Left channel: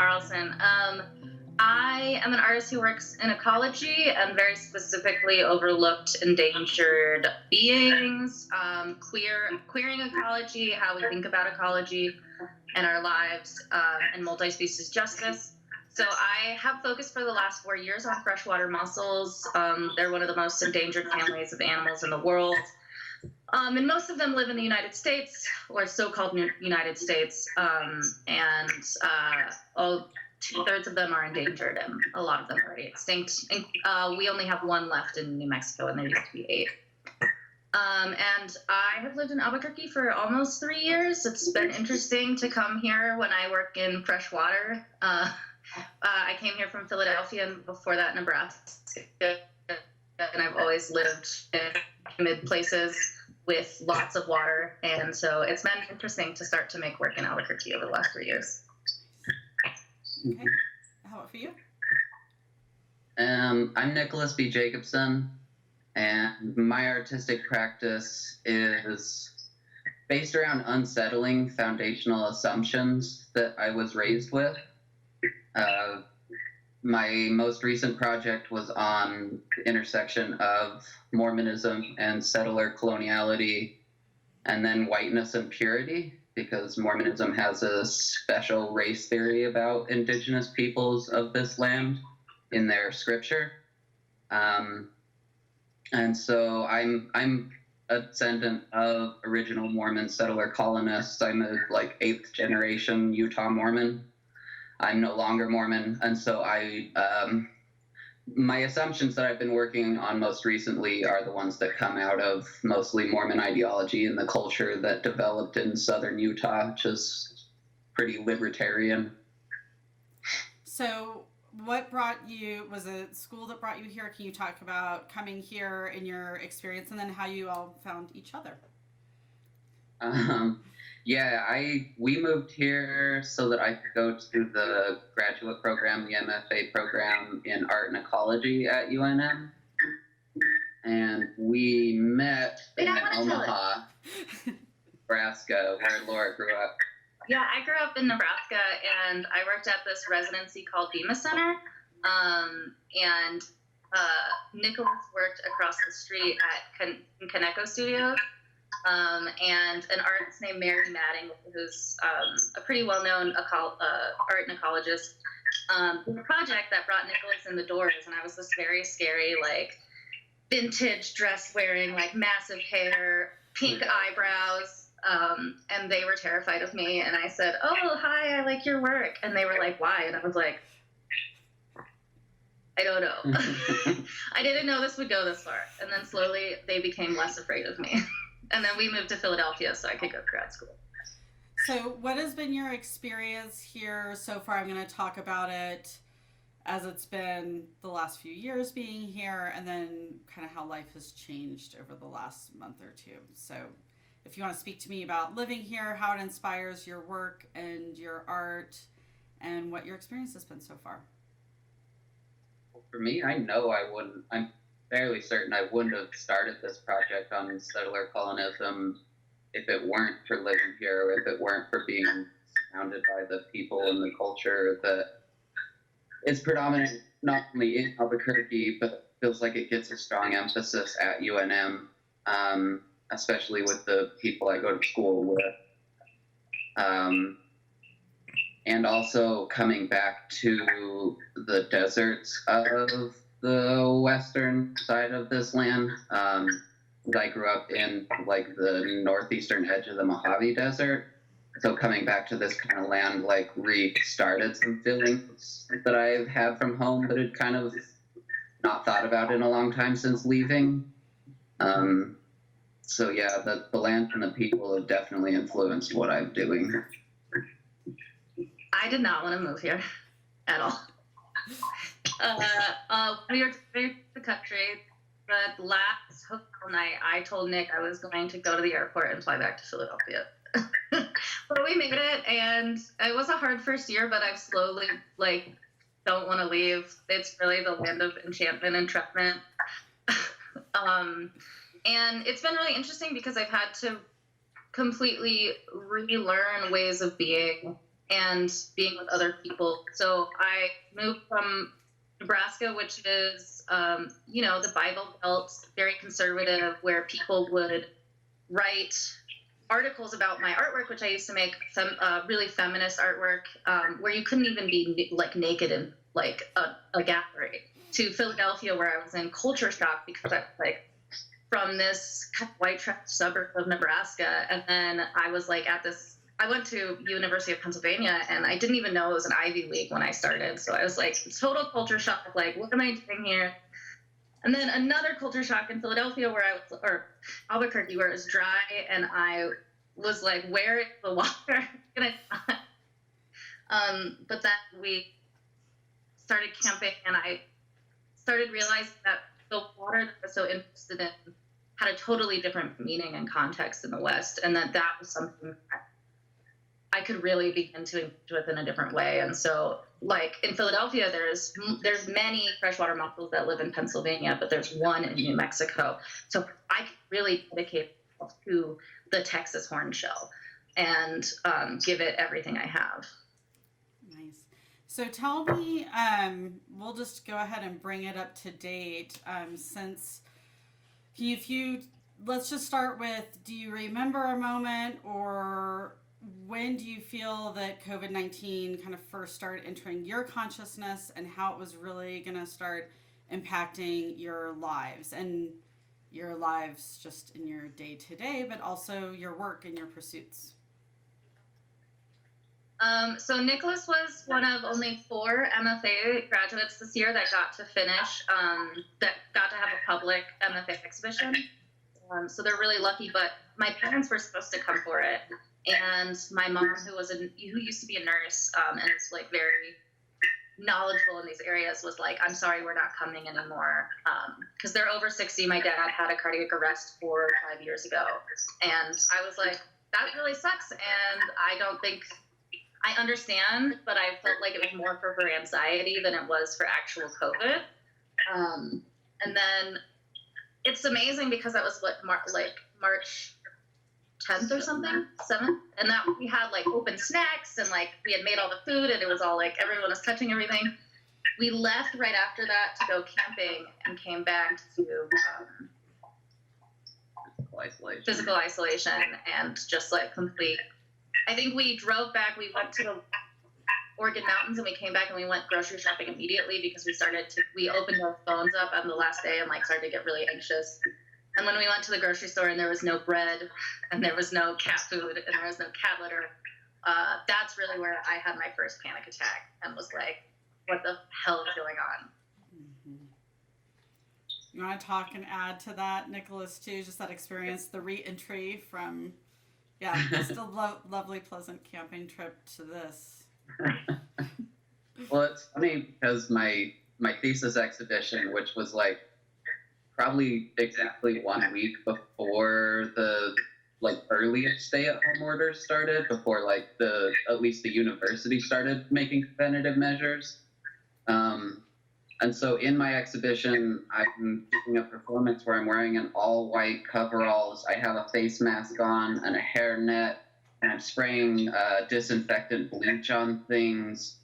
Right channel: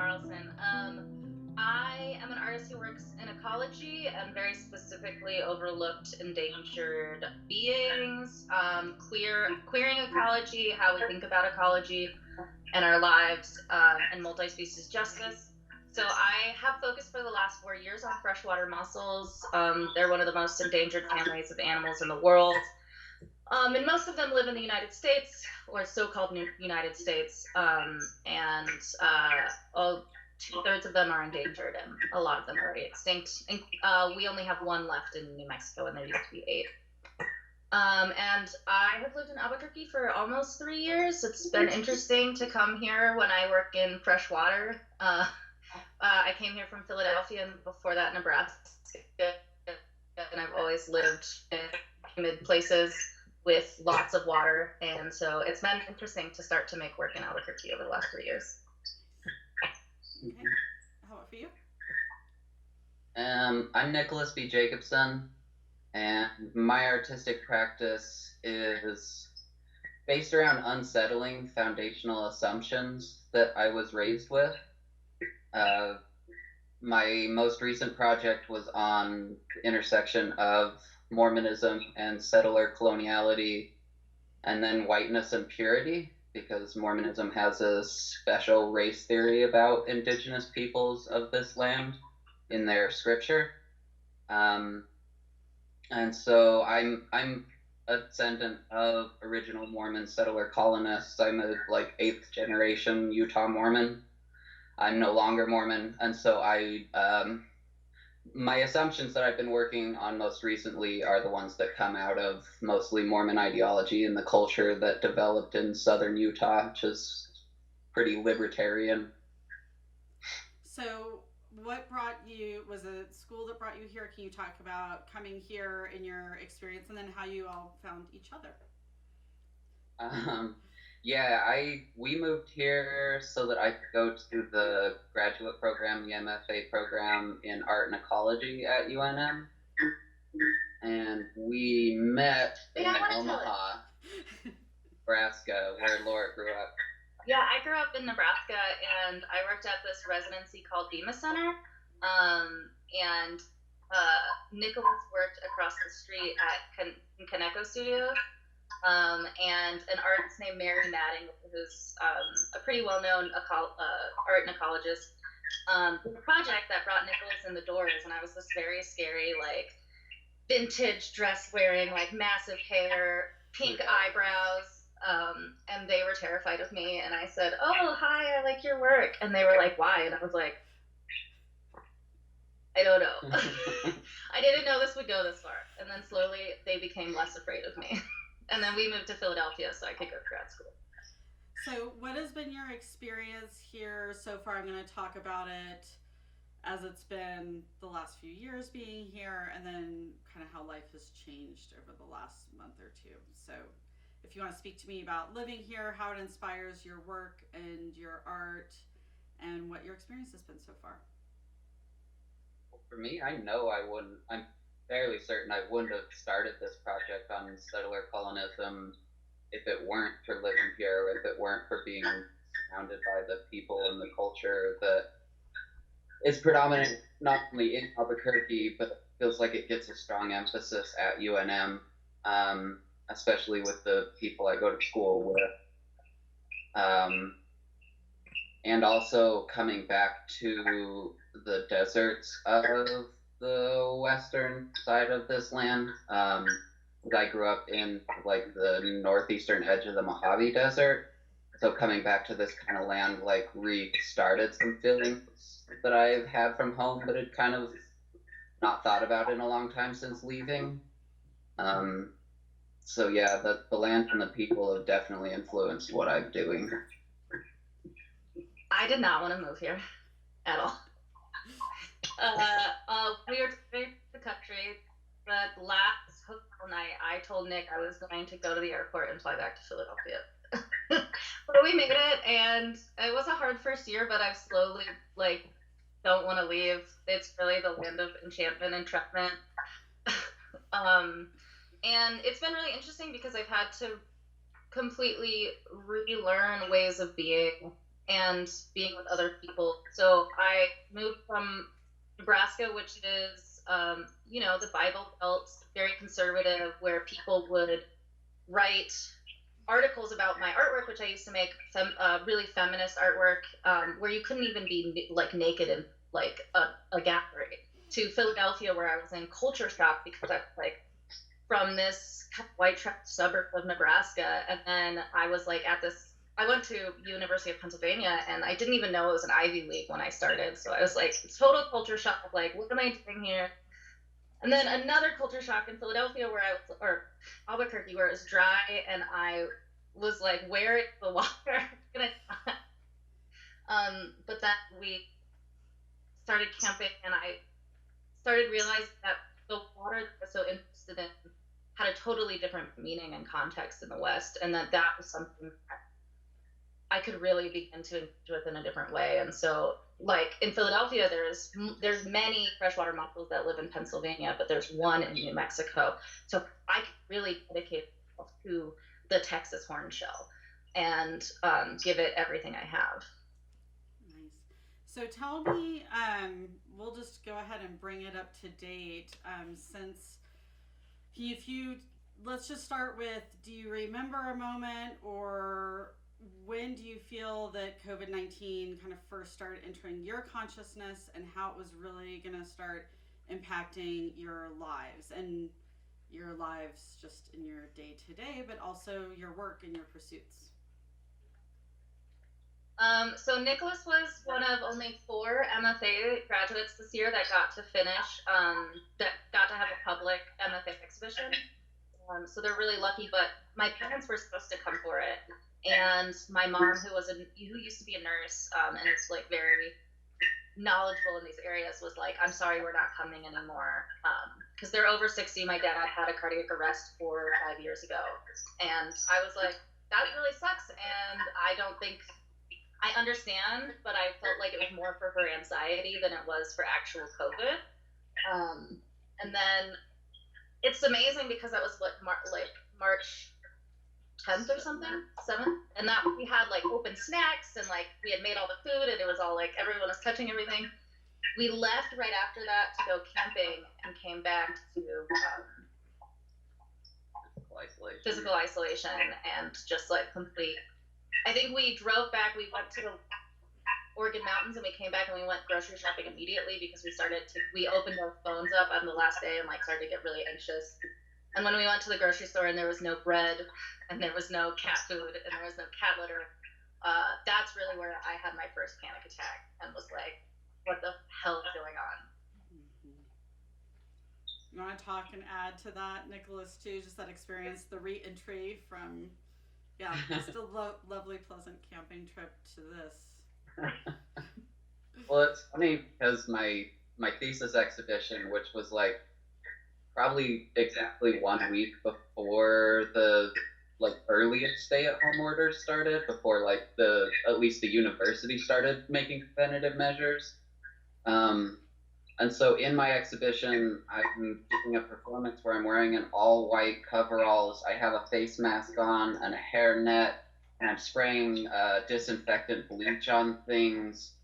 Carlson. I am an artist who works in ecology and very specifically overlooked endangered beings, queering ecology, how we think about ecology and our lives, and multi-species justice. So I have focused for the last 4 years on freshwater mussels. They're one of the most endangered families of animals in the world. And most of them live in the United States, or so-called United States, and two-thirds of them are endangered, and a lot of them are extinct. And we only have one left in New Mexico, and there used to be 8. And I have lived in Albuquerque for almost 3 years. It's been interesting to come here when I work in freshwater. I came here from Philadelphia, and before that, Nebraska, and I've always lived in humid places with lots of water, and so it's been interesting to start to make work in Albuquerque over the last 3 years. Okay. How about for you? I'm Nicholas B. Jacobsen, and my artistic practice is based around unsettling foundational assumptions that I was raised with. My most recent project was on the intersection of Mormonism and settler coloniality, and then whiteness and purity, because Mormonism has a special race theory about indigenous peoples of this land in their scripture. And so I'm a descendant of original Mormon settler colonists. I'm a 8th generation Utah Mormon. I'm no longer Mormon, and so my assumptions that I've been working on most recently are the ones that come out of mostly Mormon ideology and the culture that developed in southern Utah, which is pretty libertarian. So what brought you, was it school that brought you here? Can you talk about coming here and your experience, and then how you all found each other? We moved here so that I could go to the graduate program, the MFA program in art and ecology at UNM. And we met in Omaha, Nebraska, where Laura grew up. Yeah, I grew up in Nebraska, and I worked at this residency called Bema Center. And Nicholas worked across the street at Kaneko Studios. And an artist named Mary Madding, who's a pretty well-known art and ecologist, did a project that brought Nicholas in the doors, and I was this very scary, vintage dress-wearing, massive hair, pink eyebrows, and they were terrified of me, and I said, "Oh, hi, I like your work," and they were like, "Why?" And I was like, I don't know. I didn't know this would go this far, and then slowly they became less afraid of me. And then we moved to Philadelphia so I could go to grad school. So what has been your experience here so far? I'm going to talk about it as it's been the last few years being here, and then kind of how life has changed over the last month or two. So if you want to speak to me about living here, how it inspires your work and your art, and what your experience has been so far. Well, for me, I'm fairly certain I wouldn't have started this project on settler colonism if it weren't for living here, or if it weren't for being surrounded by the people and the culture that is predominant not only in Albuquerque, but feels like it gets a strong emphasis at UNM, especially with the people I go to school with. And also coming back to the deserts of the western side of this land. I grew up in the northeastern edge of the Mojave Desert. So coming back to this kind of land restarted some feelings that I've had from home, but had kind of not thought about in a long time since leaving. So yeah, the land and the people have definitely influenced what I'm doing. I did not want to move here at all. We were to the country, but last hotel night, I told Nick I was going to go to the airport and fly back to Philadelphia. But we made it, and it was a hard first year, but I've slowly, don't want to leave. It's really the land of enchantment and entrapment. And it's been really interesting because I've had to completely relearn ways of being and being with other people. So I moved from Nebraska, which is, the Bible Belt, very conservative, where people would write articles about my artwork, which I used to make some really feminist artwork, where you couldn't even be like naked in like a gathering. To Philadelphia, where I was in culture shock because I was like from this kind of white trash suburb of Nebraska, and then I was like I went to University of Pennsylvania, and I didn't even know it was an Ivy League when I started. So I was like total culture shock, like what am I doing here? And then another culture shock in Philadelphia, or Albuquerque, where it was dry, and I was like, where is the water? But then we started camping, and I started realizing that the water that I was so interested in had a totally different meaning and context in the West, and that was something that I could really begin to engage with in a different way. And so, like in Philadelphia, there's many freshwater mussels that live in Pennsylvania, but there's one in New Mexico. So I could really dedicate myself to the Texas horned shell and give it everything I have. So tell me, we'll just go ahead and bring it up to date. Let's just start with, do you remember a moment, or when do you feel that COVID-19 kind of first started entering your consciousness, and how it was really going to start impacting your lives just in your day to day, but also your work and your pursuits? So Nicholas was one of only 4 MFA graduates this year that got to finish, that got to have a public MFA exhibition. So they're really lucky, but my parents were supposed to come for it. And my mom, who used to be a nurse, and is like very knowledgeable in these areas, was like, I'm sorry, we're not coming anymore. Cause they're over 60. My dad had a cardiac arrest 4 or 5 years ago. And I was like, that really sucks. And I understand, but I felt like it was more for her anxiety than it was for actual COVID. And then it's amazing because that was March 10th or something, 7th. And that we had like open snacks, and like we had made all the food, and it was all like everyone was touching everything. We left right after that to go camping and came back to physical isolation and just like complete. I think we drove back, we went to the Oregon mountains, and we came back and we went grocery shopping immediately because we opened our phones up on the last day and like started to get really anxious. And when we went to the grocery store and there was no bread and there was no cat food and there was no cat litter, that's really where I had my first panic attack and was like, what the hell is going on? You want to talk and add to that, Nicholas, too, just that experience, the re-entry from just a lovely, pleasant camping trip to this. Well, it's funny because my thesis exhibition, which was like probably exactly 1 week before the earliest stay-at-home orders started, before at least the university started making preventative measures. And so in my exhibition, I'm doing a performance where I'm wearing an all-white coveralls. I have a face mask on and a hairnet, and I'm spraying disinfectant bleach on things.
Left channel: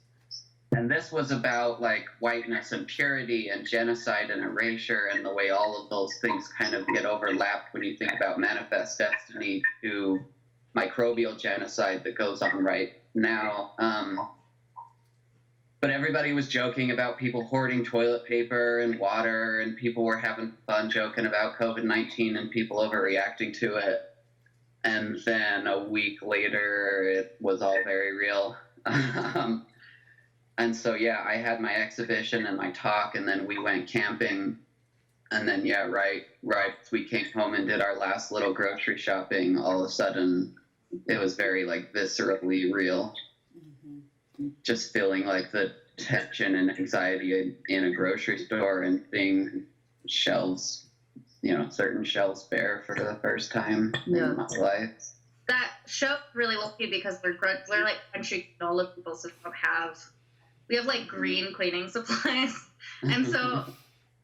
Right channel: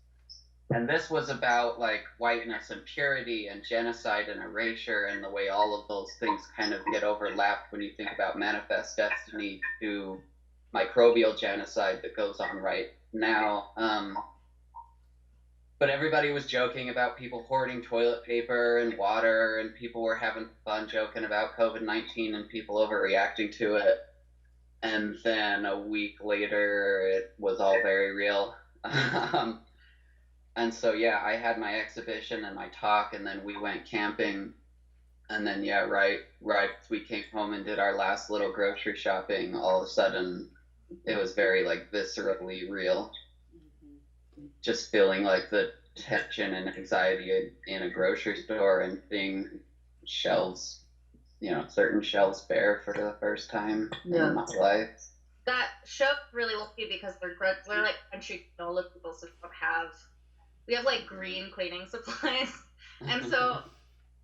And this was about like whiteness and purity and genocide and erasure, and the way all of those things kind of get overlapped when you think about manifest destiny to microbial genocide that goes on right now. But everybody was joking about people hoarding toilet paper and water, and people were having fun joking about COVID-19 and people overreacting to it. And then a week later, it was all very real. And so, I had my exhibition and my talk, and then we went camping. And then, right as we came home and did our last little grocery shopping, all of a sudden, it was very, viscerally real. Just feeling like the tension and anxiety in a grocery store and seeing shelves, certain shelves bare for the first time in my life. That show's really lucky because we're like country granola people, so we have like green cleaning supplies. And so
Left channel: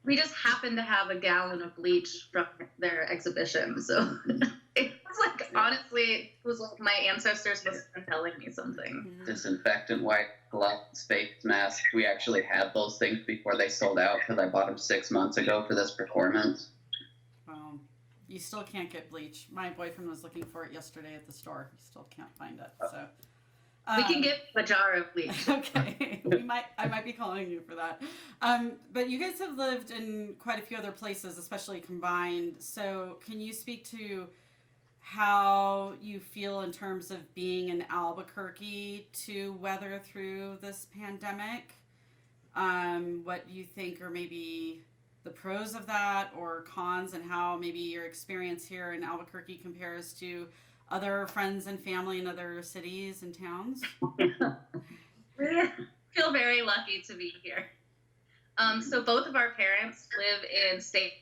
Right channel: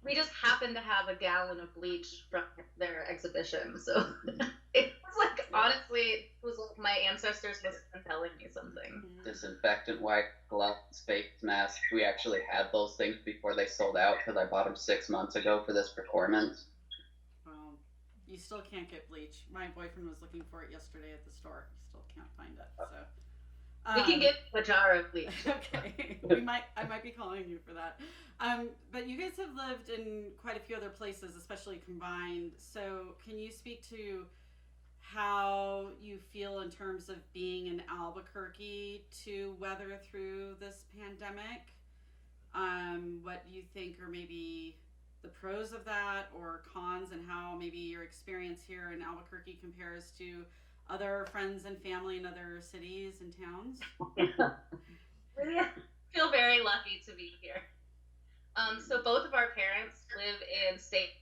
we just happened to have a gallon of bleach from their exhibition. So it was like, honestly, it was like my ancestors was telling me something. Disinfectant wipe, gloves, face masks. We actually had those things before they sold out because I bought them 6 months ago for this performance. You still can't get bleach. My boyfriend was looking for it yesterday at the store. He still can't find it. So We can get a jar of bleach. Okay, I might be calling you for that. But you guys have lived in quite a few other places, especially combined. So can you speak to how you feel in terms of being in Albuquerque to weather through this pandemic? What you think are maybe the pros of that or cons, and how maybe your experience here in Albuquerque compares to other friends and family in other cities and towns? I feel very lucky to be here. So both of our parents live in states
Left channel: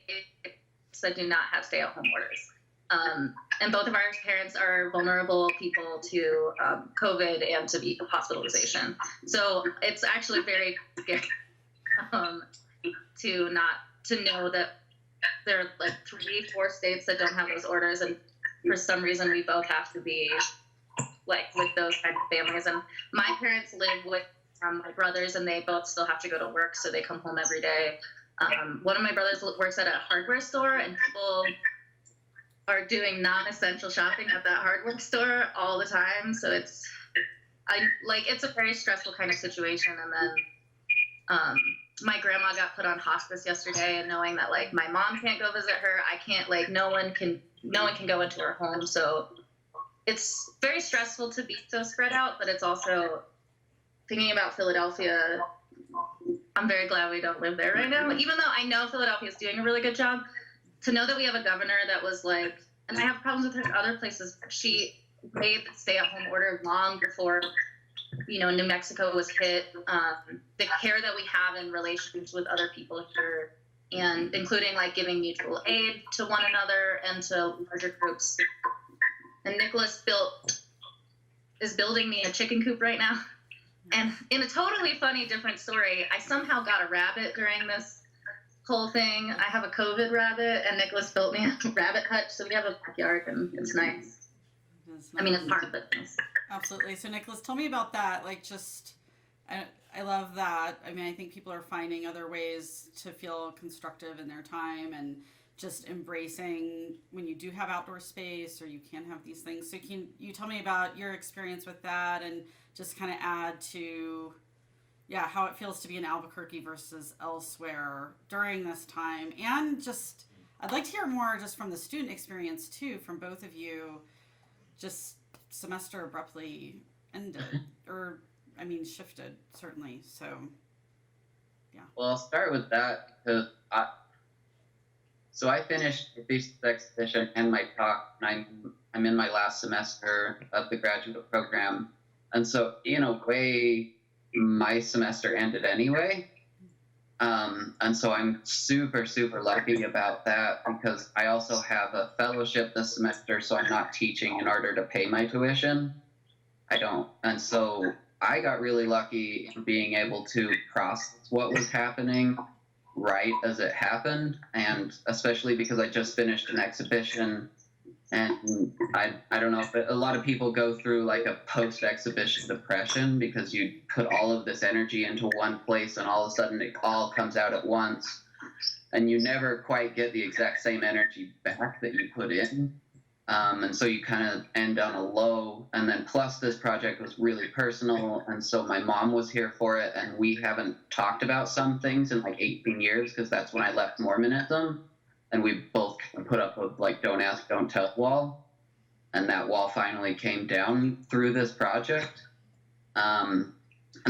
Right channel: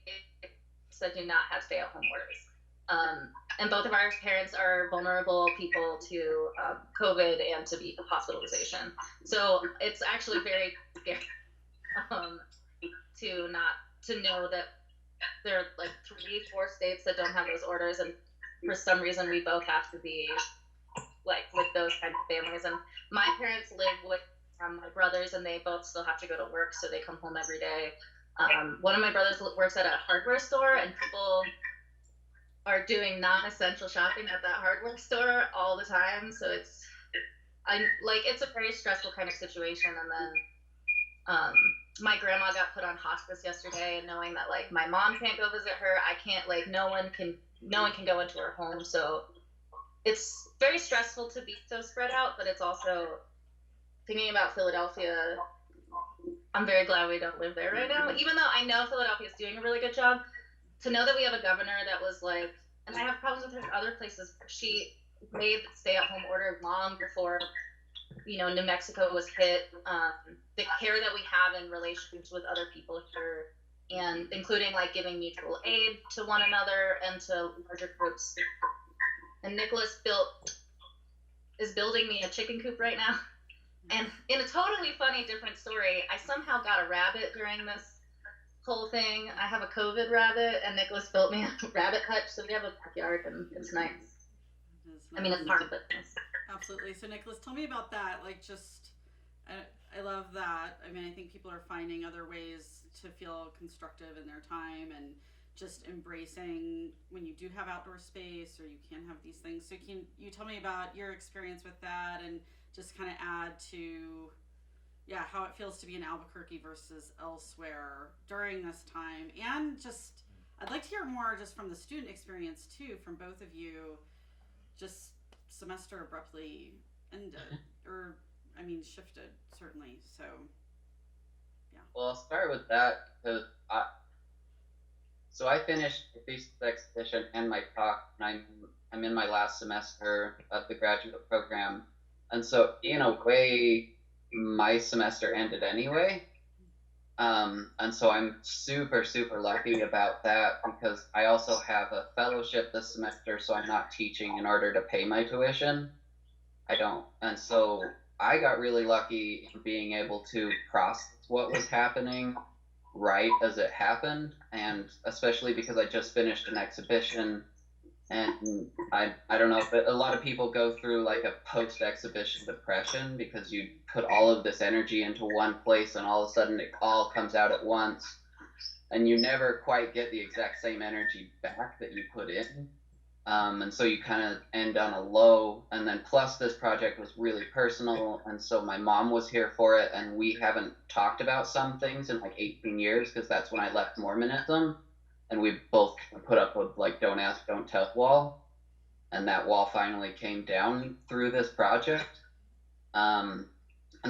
that do not have stay-at-home orders. And both of our parents are vulnerable people to COVID and to hospitalization. So it's actually very scary to know that there are like 3-4 states that don't have those orders, and for some reason we both have to be like with those kind of families. And my parents live with my brothers, and they both still have to go to work, so they come home every day. One of my brothers works at a hardware store, and people are doing non-essential shopping at that hardware store all the time. So it's a very stressful kind of situation. And then my grandma got put on hospice yesterday, and knowing that like my mom can't go visit her, I can't, like no one can go into her home. So it's very stressful to be so spread out, but it's also thinking about Philadelphia. I'm very glad we don't live there right now, even though I know Philadelphia is doing a really good job. To know that we have a governor that was like, and I have problems with her other places, she made the stay-at-home order long before, New Mexico was hit. The care that we have in relations with other people here, and including like giving mutual aid to one another and to larger groups. And Nicholas is building me a chicken coop right now. And in a totally funny, different story, I somehow got a rabbit during this whole thing. I have a COVID rabbit, and Nicholas built me a rabbit hutch, so we have a backyard, and it's nice. I mean, it's hard, but nice. Absolutely. So, Nicholas, tell me about that. Like, I love that. I mean, I think people are finding other ways to feel constructive in their time, and just embracing when you do have outdoor space or you can't have these things. So can you tell me about your experience with that, and just kind of add to how it feels to be in Albuquerque versus elsewhere during this time? And just I'd like to hear more just from the student experience too, from both of you. Just semester abruptly ended, or shifted, certainly. So Well, I'll start with that because I finished the thesis exhibition and my talk, and I'm in my last semester of the graduate program, and so in a way my semester ended anyway. And so I'm super, super lucky about that, because I also have a fellowship this semester, so I'm not teaching in order to pay my tuition. I don't. And so I got really lucky in being able to process what was happening right as it happened, and especially because I just finished an exhibition. And I don't know if a lot of people go through like a post-exhibition depression, because you put all of this energy into one place and all of a sudden it all comes out at once, and you never quite get the exact same energy back that you put in. And so you kind of end on a low. And then plus this project was really personal, and so my mom was here for it, and we haven't talked about some things in like 18 years, because that's when I left Mormonism. And we both put up with like don't ask, don't tell wall. And that wall finally came down through this project. And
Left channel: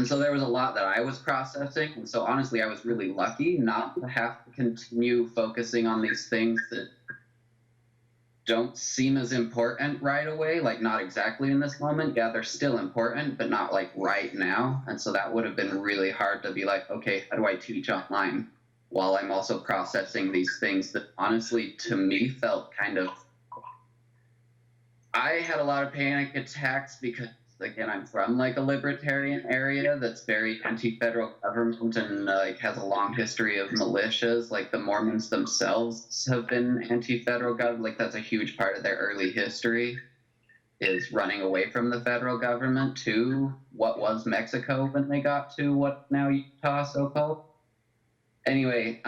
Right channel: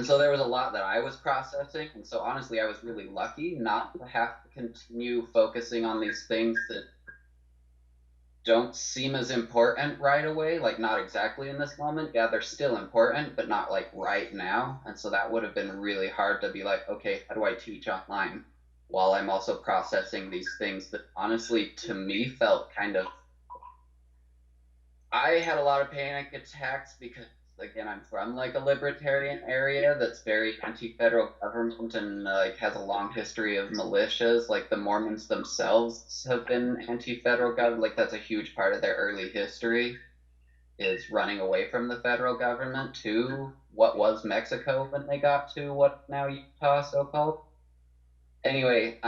so there was a lot that I was processing. And so honestly, I was really lucky not to have to continue focusing on these things that don't seem as important right away, like not exactly in this moment. Yeah, they're still important, but not like right now. And so that would have been really hard to be like, okay, how do I teach online while I'm also processing these things that honestly to me felt kind of, I had a lot of panic attacks because again, I'm from like a libertarian area that's very anti-federal government and has a long history of militias. Like the Mormons themselves have been anti-federal government. Like that's a huge part of their early history is running away from the federal government to what was Mexico when they got to what now Utah, so-called. Anyway,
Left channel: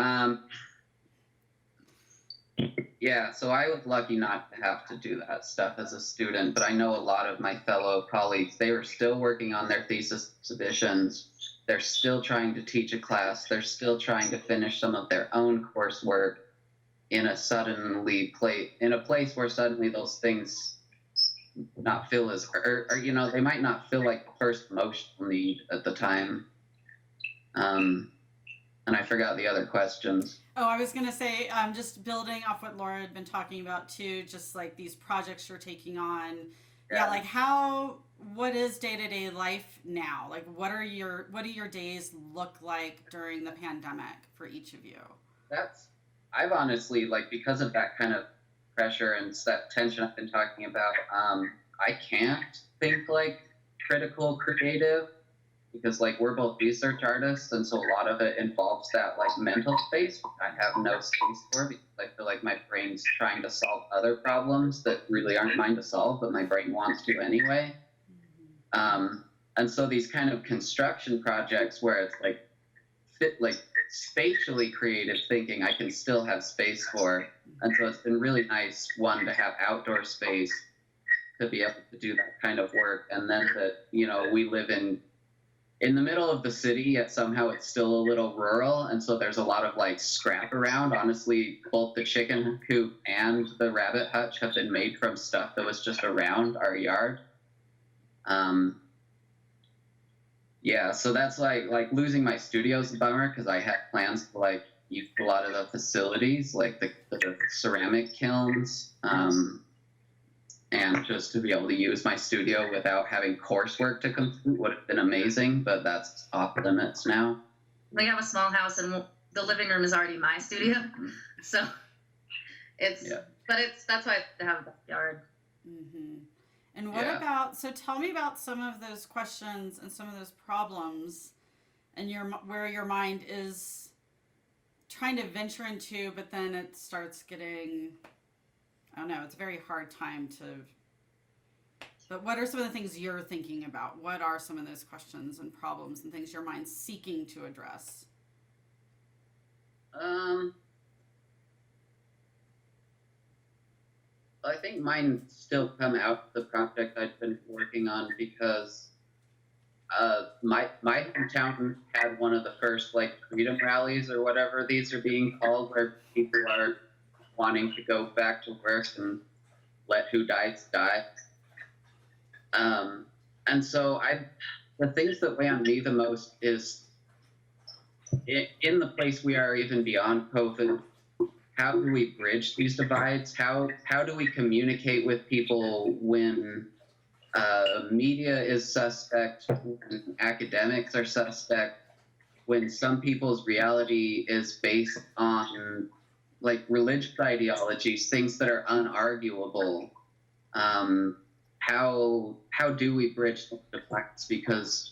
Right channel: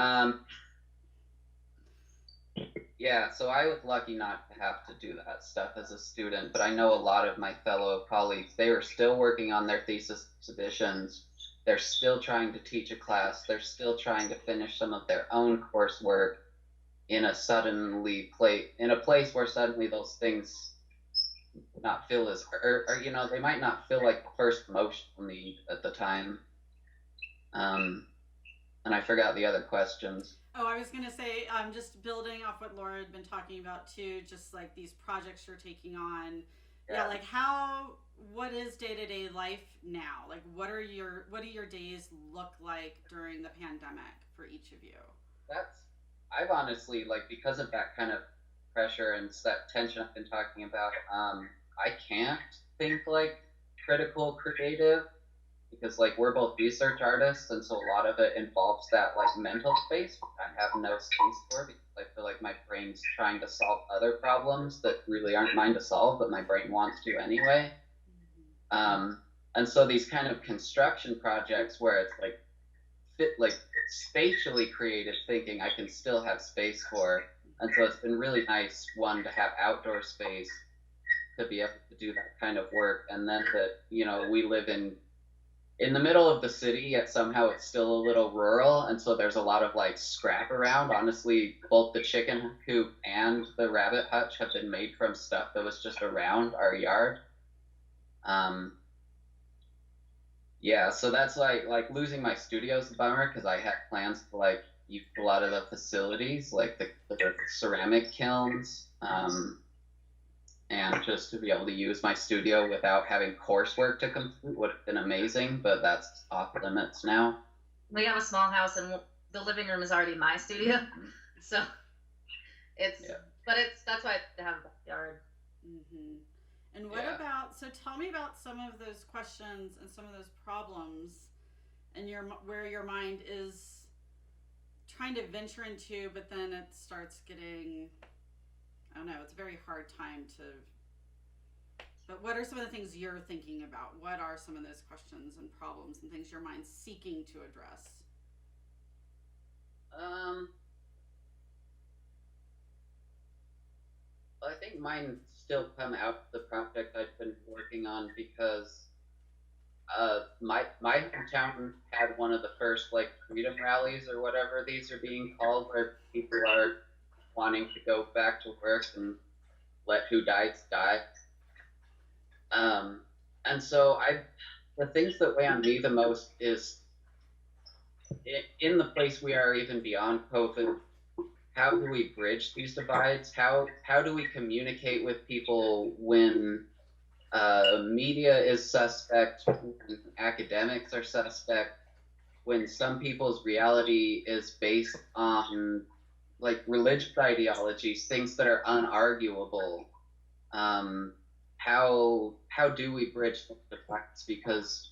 yeah, so I was lucky not to have to do that stuff as a student, but I know a lot of my fellow colleagues, they were still working on their thesis submissions. They're still trying to teach a class. They're still trying to finish some of their own coursework in a place where suddenly those things not feel as, or you know, they might not feel like the first emotional need at the time. And I forgot the other questions. Oh, I was going to say, just building off what Laura had been talking about too, just like these projects you're taking on. Yeah, like what is day-to-day life now? Like what do your days look like during the pandemic for each of you? I've honestly, like, because of that kind of pressure and that tension I've been talking about, I can't think like critical creative. Because like we're both research artists, and so a lot of it involves that like mental space, which I have no space for because I feel like my brain's trying to solve other problems that really aren't mine to solve, but my brain wants to anyway. And so these kind of construction projects where it's like spatially creative thinking, I can still have space for, and so it's been really nice to have outdoor space to be able to do that kind of work, and then that we live in the middle of the city, yet somehow it's still a little rural, and so there's a lot of like scrap around. Honestly, both the chicken coop and the rabbit hutch have been made from stuff that was just around our yard. Yeah, so that's like losing my studio is a bummer because I had plans to like use a lot of the facilities, like the ceramic kilns, and just to be able to use my studio without having coursework to complete would have been amazing, but that's off limits now. We have a small house and the living room is already my studio, so that's why I have a backyard. Mm-hmm. And what about, so tell me about some of those questions and some of those problems and where your mind is trying to venture into, but then it starts getting, I don't know, it's a very hard time but what are some of the things you're thinking about? What are some of those questions and problems and things your mind's seeking to address? I think mine still come out of the project I've been working on because my hometown had one of the first like freedom rallies or whatever these are being called, where people are wanting to go back to work and let who dies die. And so the things that weigh on me the most is in the place we are even beyond COVID, how do we bridge these divides? How do we communicate with people when media is suspect, when academics are suspect, when some people's reality is based on like religious ideologies, things that are unarguable? How do we bridge the divides? Because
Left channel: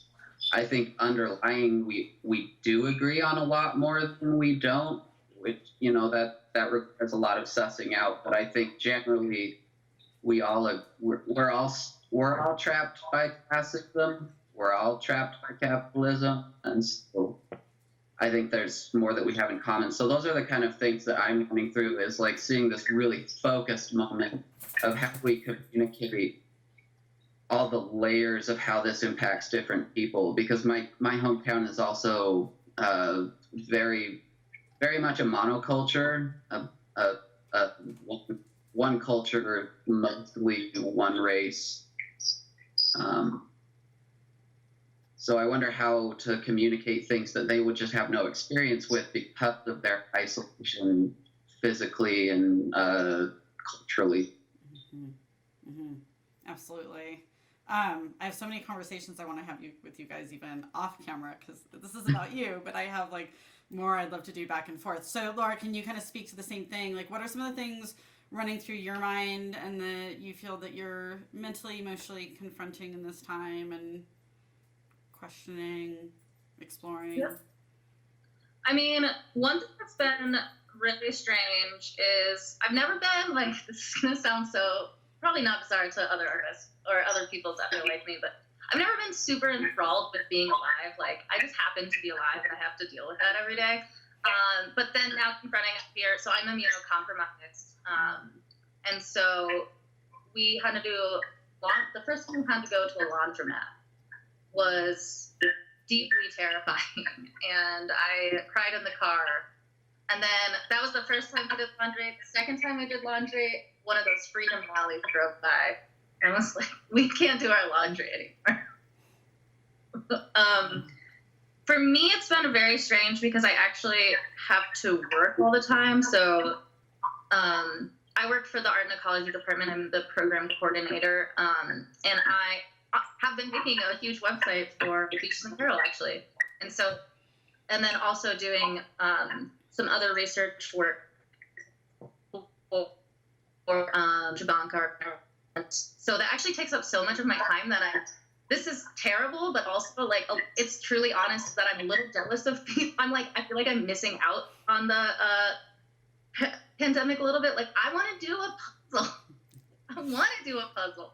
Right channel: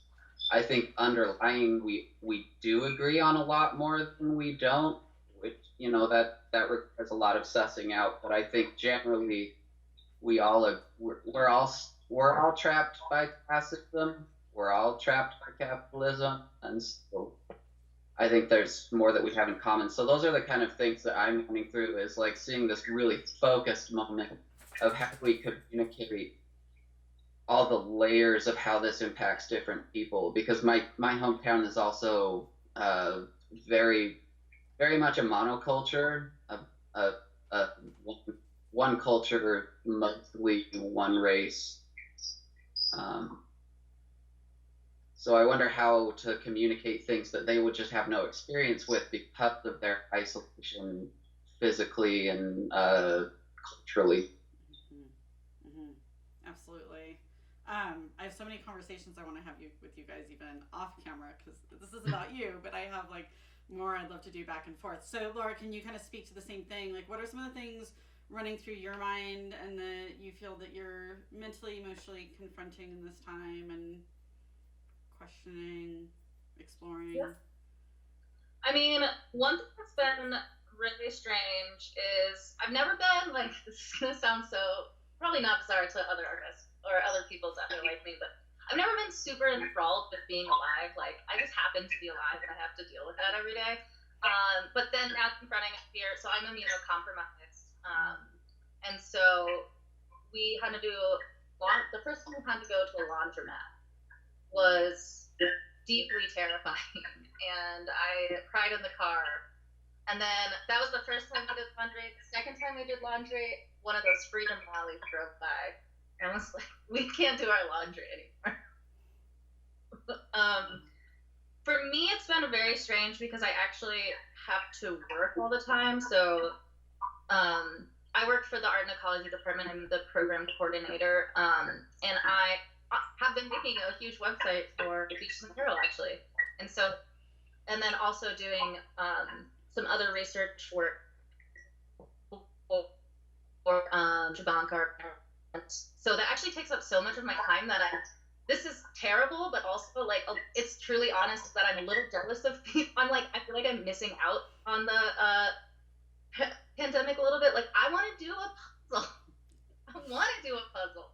I think underlying we do agree on a lot more than we don't, which that requires a lot of sussing out. But I think generally we're all trapped by classism. We're all trapped by capitalism, and so I think there's more that we have in common. So those are the kind of things that I'm going through, is like seeing this really focused moment of how we communicate all the layers of how this impacts different people. Because my hometown is also very, very much a monoculture, one culture, mostly one race. So I wonder how to communicate things that they would just have no experience with because of their isolation physically and culturally. Mm-hmm. Mm-hmm. Absolutely. I have so many conversations I want to have with you guys even off camera, because this is about you, but I have like more I'd love to do back and forth. So Laura, can you kind of speak to the same thing? Like, what are some of the things running through your mind and that you feel that you're mentally, emotionally confronting in this time and questioning, exploring? Yeah. I mean, one thing that's been really strange is I've never been, like, this is going to sound so, probably not bizarre to other artists or other people that feel like me, but I've never been super enthralled with being alive. Like, I just happen to be alive and I have to deal with that every day. But then now confronting it here, so I'm immunocompromised. And so we had to do, the first time we had to go to a laundromat was deeply terrifying. And I cried in the car. And then that was the first time we did laundry. The second time we did laundry, one of those Freedom Rallies drove by. And I was like, we can't do our laundry anymore. For me, it's been very strange because I actually have to work all the time. So I work for the art and ecology department. I'm the program coordinator. And I have been making a huge website for Beaches and Carroll, actually. And so, and then also doing some other research work for Jabanka. So that actually takes up so much of my time that this is terrible, but also, like, it's truly honest that I'm a little jealous of people. I feel like I'm missing out on the pandemic a little bit. Like, I want to do a puzzle. I want to do a puzzle.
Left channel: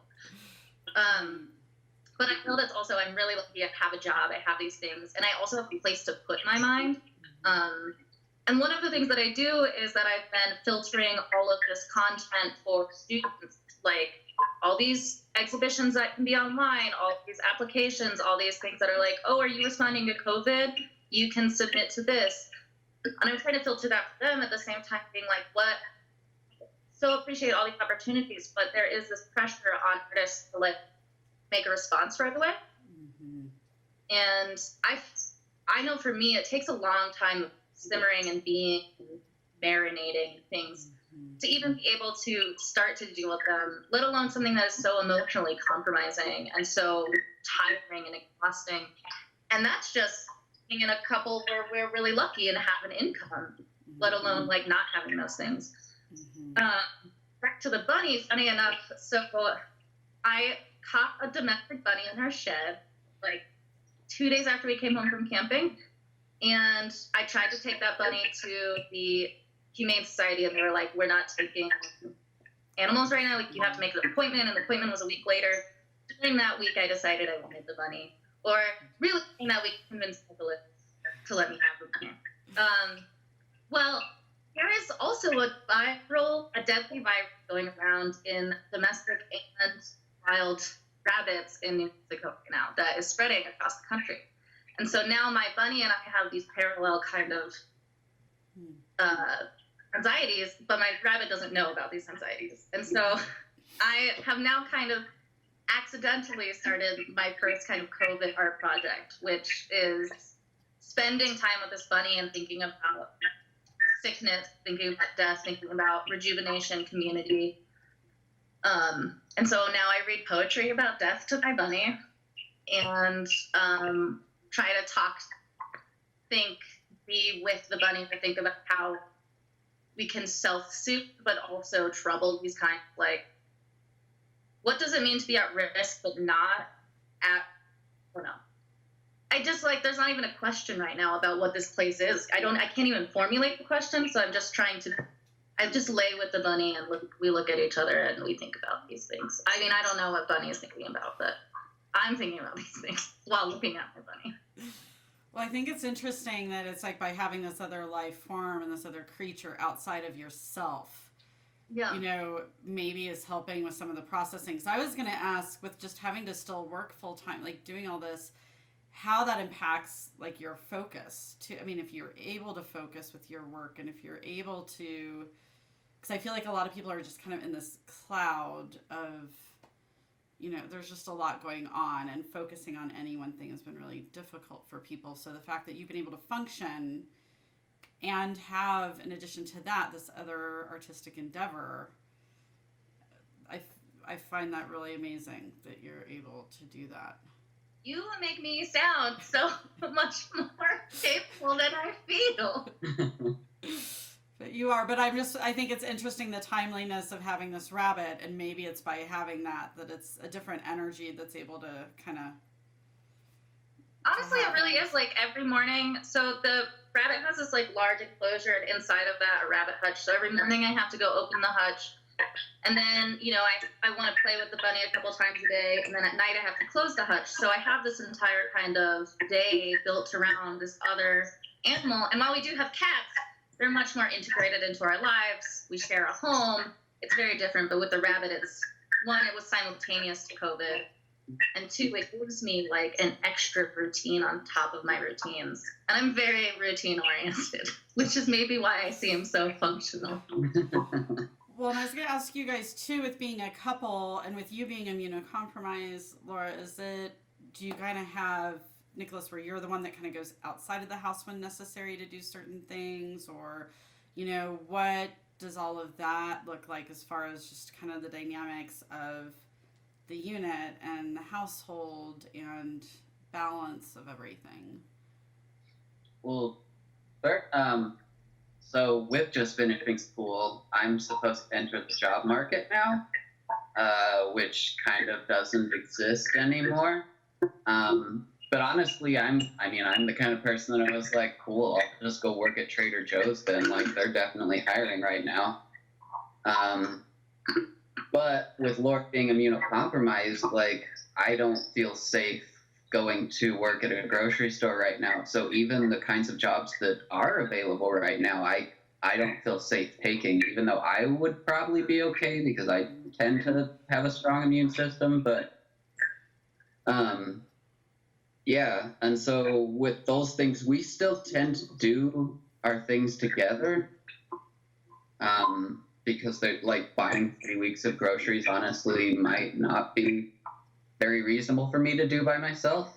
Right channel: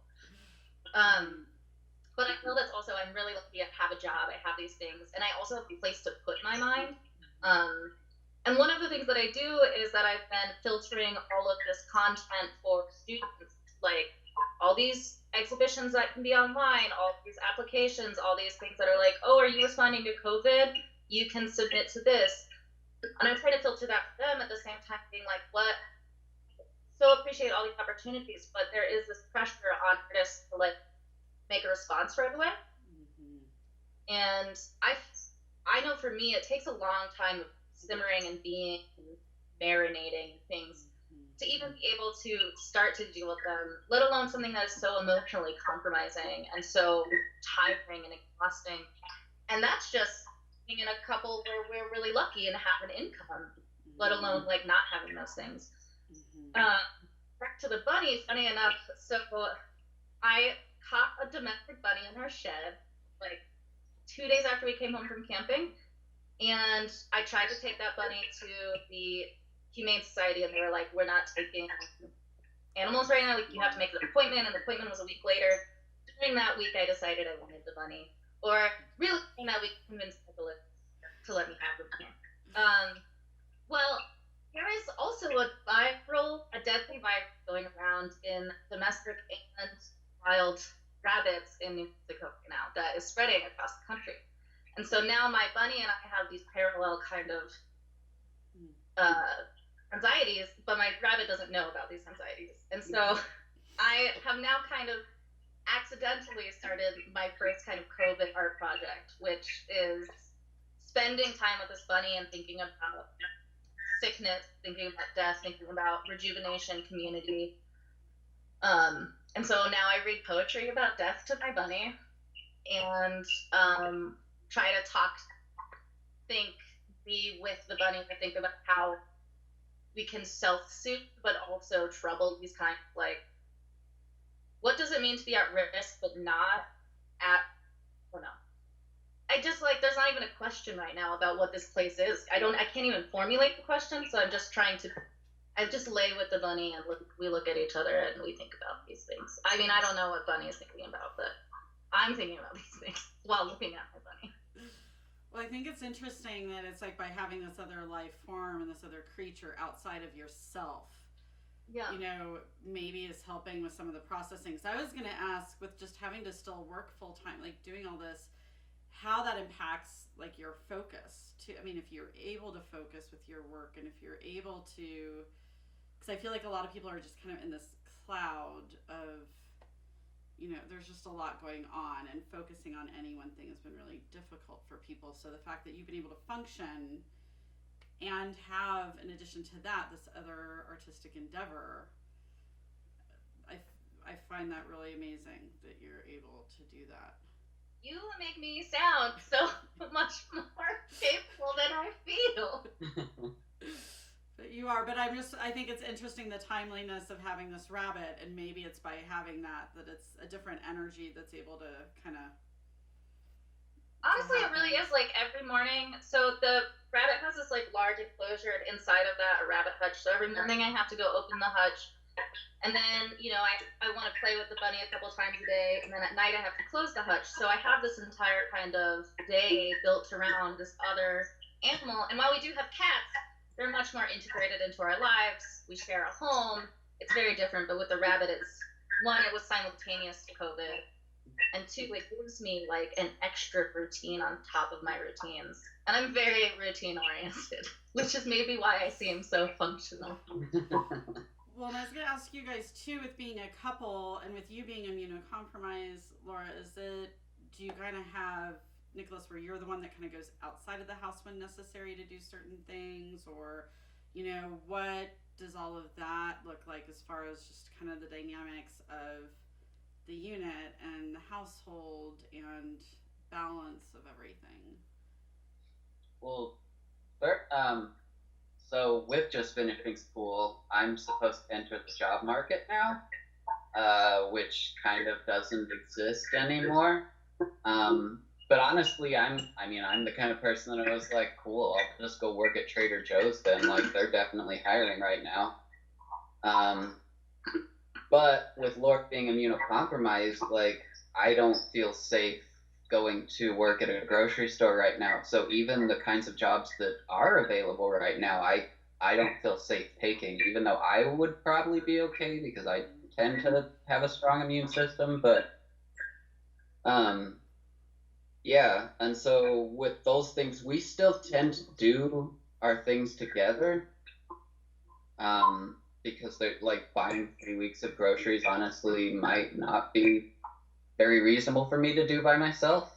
But I know that's also, I'm really lucky. I have a job. I have these things. And I also have a place to put my mind. And one of the things that I do is that I've been filtering all of this content for students, like all these exhibitions that can be online, all these applications, all these things that are like, oh, are you responding to COVID? You can submit to this. And I'm trying to filter that for them at the same time being like, what? So appreciate all these opportunities, but there is this pressure on artists to, like, make a response right away. Mm-hmm. And I know for me, it takes a long time simmering and being, marinating things to even be able to start to deal with them, let alone something that is so emotionally compromising and so tiring and exhausting. And that's just being in a couple where we're really lucky and have an income, let alone, like, not having those things. Back to the bunny, funny enough, so I caught a domestic bunny in her shed, like, 2 days after we came home from camping. And I tried to take that bunny to the Humane Society, and they were like, we're not taking animals right now. You have to make an appointment, and the appointment was a week later. During that week, I decided I wanted the bunny. Or really, during that week, convinced people to let me have the bunny. Well, there is also a deadly virus going around in domestic and wild rabbits in New Mexico now that is spreading across the country. And so now my bunny and I have these parallel kind of anxieties, but my rabbit doesn't know about these anxieties. And so I have now kind of accidentally started my first kind of COVID art project, which is spending time with this bunny and thinking about sickness, thinking about death, thinking about rejuvenation, community. And so now I read poetry about death to my bunny and try to be with the bunny to think about how we can self-soothe, but also trouble these kind of, like, what does it mean to be at risk, but not at, I don't know. I just, like, there's not even a question right now about what this place is. I can't even formulate the question, so I'm just trying to, I just lay with the bunny and we look at each other and we think about these things. I mean, I don't know what Bunny is thinking about, but I'm thinking about these things while looking at my bunny. Well, I think it's interesting that it's like by having this other life form and this other creature outside of yourself, yeah, you know, maybe is helping with some of the processing. So I was going to ask, with just having to still work full time, like doing all this, how that impacts, like, your focus to, I mean, if you're able to focus with your work and if you're able to, because I feel like a lot of people are just kind of in this cloud of, you know, there's just a lot going on, and focusing on any one thing has been really difficult for people. So the fact that you've been able to function and have, in addition to that, this other artistic endeavor, I find that really amazing that you're able to do that. You make me sound so much more capable than I feel. But You are, but I think it's interesting the timeliness of having this rabbit, and maybe it's by having that it's a different energy that's able to kind of. Honestly, it really is like every morning. So the rabbit has this like large enclosure, and inside of that a rabbit hutch. So every morning I have to go open the hutch, and then I want to play with the bunny a couple times a day, and then at night I have to close the hutch. So I have this entire kind of day built around this other animal. And while we do have cats, they're much more integrated into our lives. We share a home. It's very different. But with the rabbit, it's one, it was simultaneous to COVID. And two, it gives me like an extra routine on top of my routines. And I'm very routine oriented, which is maybe why I seem so functional. Well, and I was going to ask you guys too, with being a couple and with you being immunocompromised, Laura, do you kind of have, Nicholas, where you're the one that kind of goes outside of the house when necessary to do certain things, or, what does all of that look like as far as just kind of the dynamics of the unit and the household and balance of everything? Well, so with just finishing school, I'm supposed to enter the job market now, which kind of doesn't exist anymore. But honestly, I'm the kind of person that was like, cool, I'll just go work at Trader Joe's then. Like, they're definitely hiring right now. But with Laura being immunocompromised, like, I don't feel safe going to work at a grocery store right now. So even the kinds of jobs that are available right now, I don't feel safe taking, even though I would probably be okay because I tend to have a strong immune system. But yeah, and so with those things, we still tend to do our things together. Because they're like buying 3 weeks of groceries honestly might not be very reasonable for me to do by myself.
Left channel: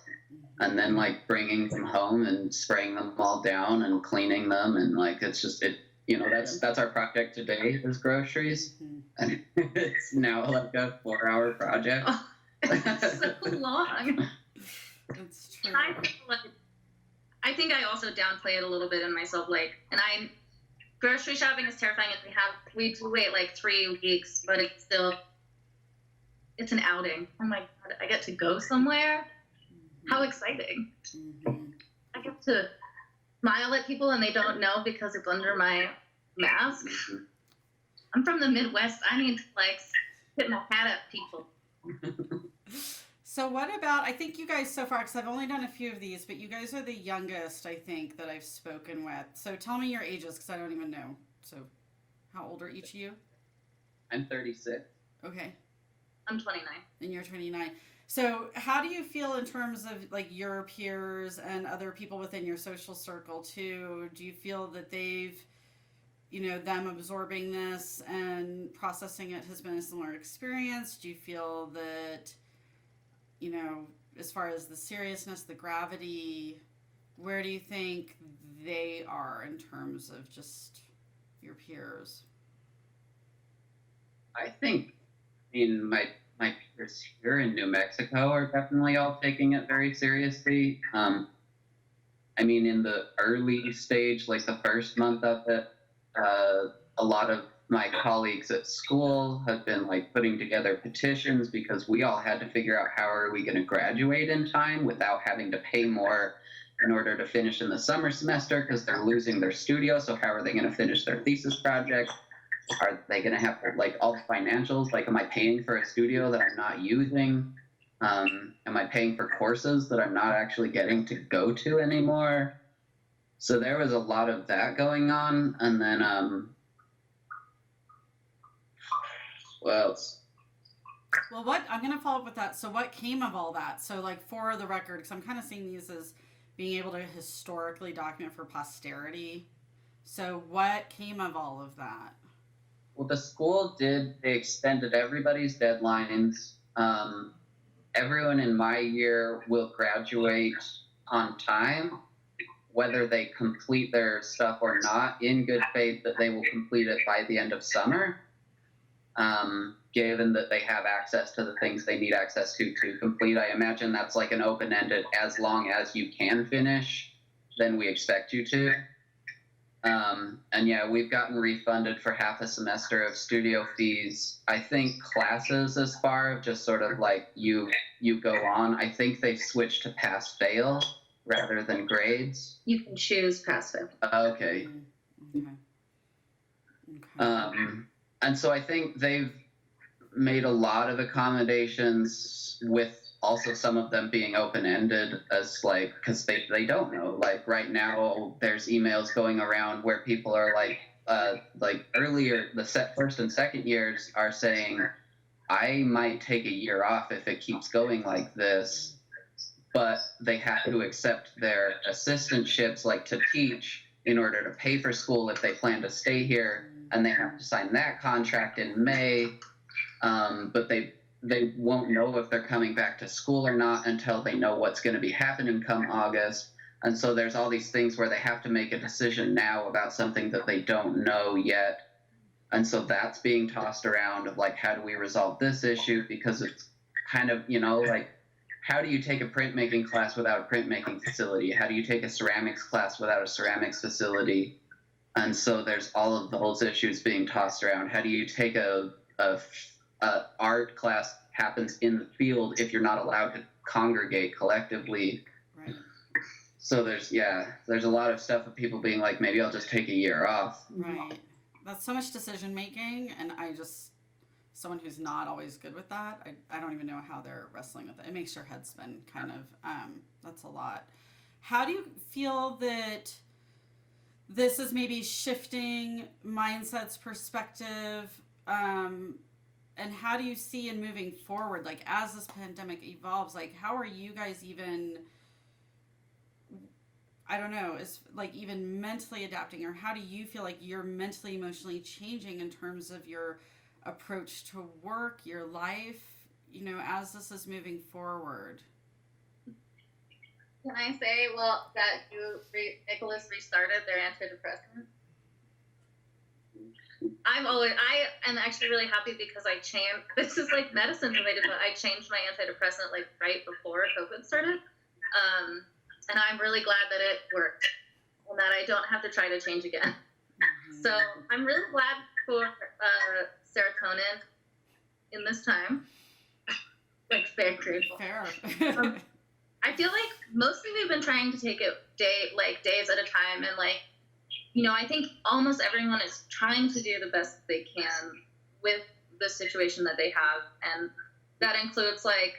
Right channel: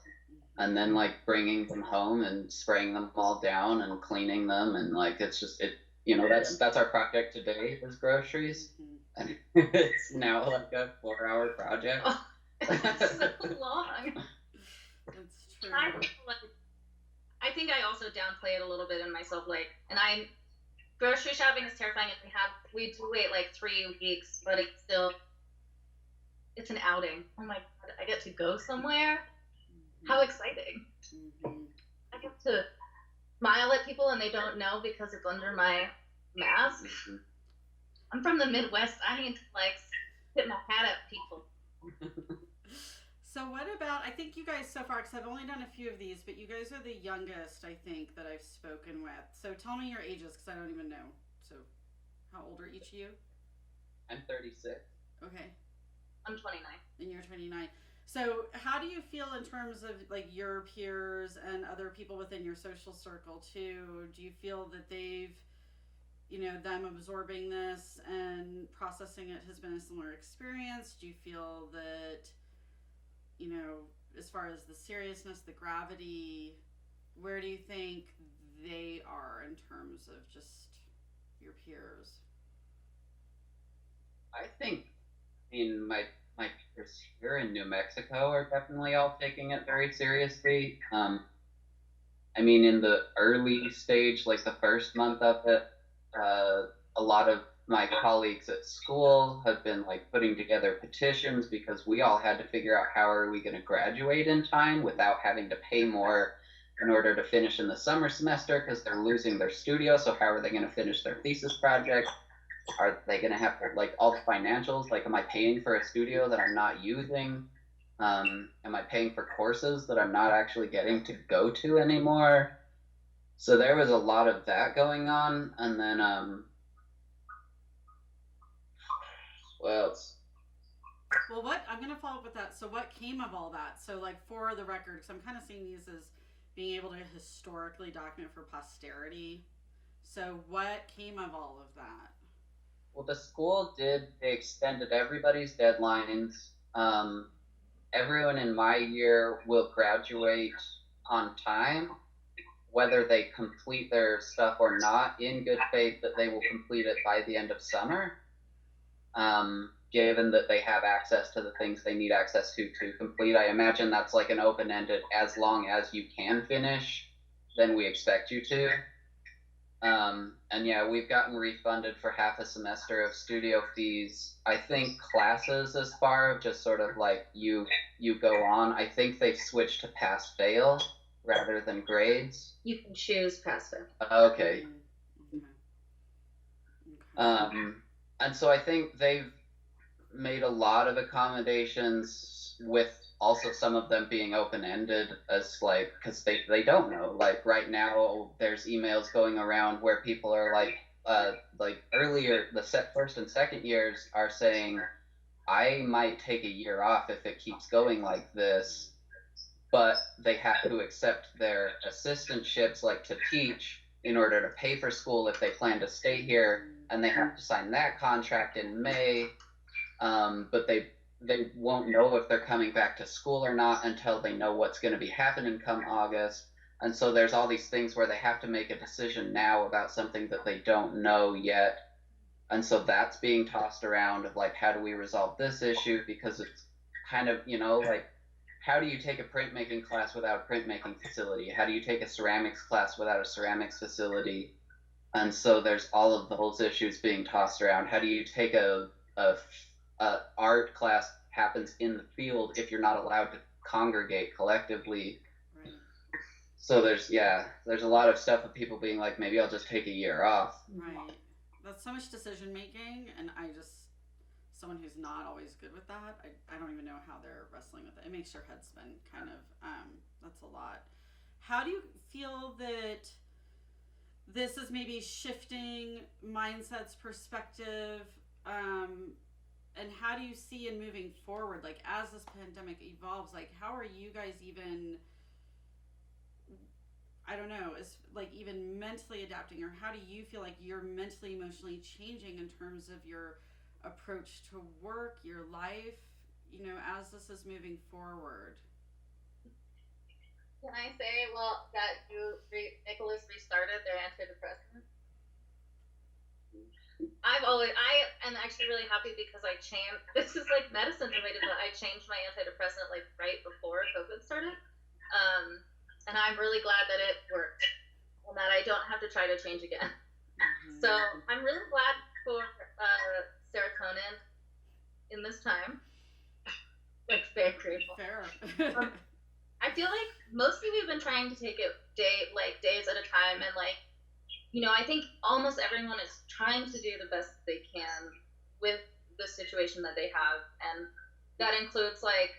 And then like bringing them home and spraying them all down and cleaning them, and like it's just that's our project today is groceries. And it's now like a 4-hour project. Oh, that's so long. It's true. I think I also downplay it a little bit in myself, grocery shopping is terrifying. We do wait like 3 weeks, but it's an outing. Oh my God, I get to go somewhere. How exciting. I get to smile at people and they don't know because it's under my mask. I'm from the Midwest. I need to tip my hat at people. So what about, I think you guys so far, because I've only done a few of these, but you guys are the youngest, I think, that I've spoken with. So tell me your ages, because I don't even know. So how old are each of you? I'm 36. Okay. I'm 29. And you're 29. So how do you feel in terms of like your peers and other people within your social circle too? Do you feel that they've, them absorbing this and processing it has been a similar experience? Do you feel that, as far as the seriousness, the gravity, where do you think they are in terms of just your peers? I think my peers here in New Mexico are definitely all taking it very seriously. In the early stage, like the first month of it, a lot of my colleagues at school have been putting together petitions because we all had to figure out how are we going to graduate in time without having to pay more in order to finish in the summer semester because they're losing their studio. So how are they going to finish their thesis project? Are they going to have all the financials? Am I paying for a studio that I'm not using? Am I paying for courses that I'm not actually getting to go to anymore? So there was a lot of that going on. And then, what else? Well, I'm going to follow up with that. So what came of all that? So for the record, because I'm kind of seeing these as being able to historically document for posterity. So what came of all of that? Well, the school they extended everybody's deadlines. Everyone in my year will graduate on time, whether they complete their stuff or not, in good faith that they will complete it by the end of summer. Given that they have access to the things they need access to complete. I imagine that's an open-ended, as long as you can finish, then we expect you to. And yeah, we've gotten refunded for half a semester of studio fees. I think classes as far of just sort of like you go on. I think they've switched to pass fail rather than grades. You can choose pass fail. Okay. Okay. And so I think they've made a lot of accommodations, with also some of them being open-ended, as like, because they don't know. Like right now there's emails going around where people are like earlier, the first and second years are saying, I might take a year off if it keeps going like this, but they have to accept their assistantships, like to teach, in order to pay for school if they plan to stay here, and they have to sign that contract in May. But they won't know if they're coming back to school or not until they know what's going to be happening come August. And so there's all these things where they have to make a decision now about something that they don't know yet. And so that's being tossed around of like, how do we resolve this issue? Because it's kind of, like, how do you take a printmaking class without a printmaking facility? How do you take a ceramics class without a ceramics facility? And so there's all of those issues being tossed around. How do you take a art class happens in the field if you're not allowed to congregate collectively? Right. So there's a lot of stuff of people being like, maybe I'll just take a year off. Right. That's so much decision making, and someone who's not always good with that, I don't even know how they're wrestling with it. It makes your head spin, kind of. That's a lot. How do you feel that this is maybe shifting mindsets, perspective, and how do you see in moving forward, like as this pandemic evolves, like how are you guys even, I don't know, is like even mentally adapting, or how do you feel like you're mentally, emotionally changing in terms of your approach to work, your life, as this is moving forward? Can I say, that Nicholas restarted their antidepressant? I am actually really happy because I changed, this is like medicine related, but I changed my antidepressant like right before COVID started. And I'm really glad that it worked and that I don't have to try to change again. So I'm really glad for serotonin in this time. Like, very grateful. Fair. I feel like mostly we've been trying to take it days at a time, and like, I think almost everyone is trying to do the best they can with the situation that they have, and that includes like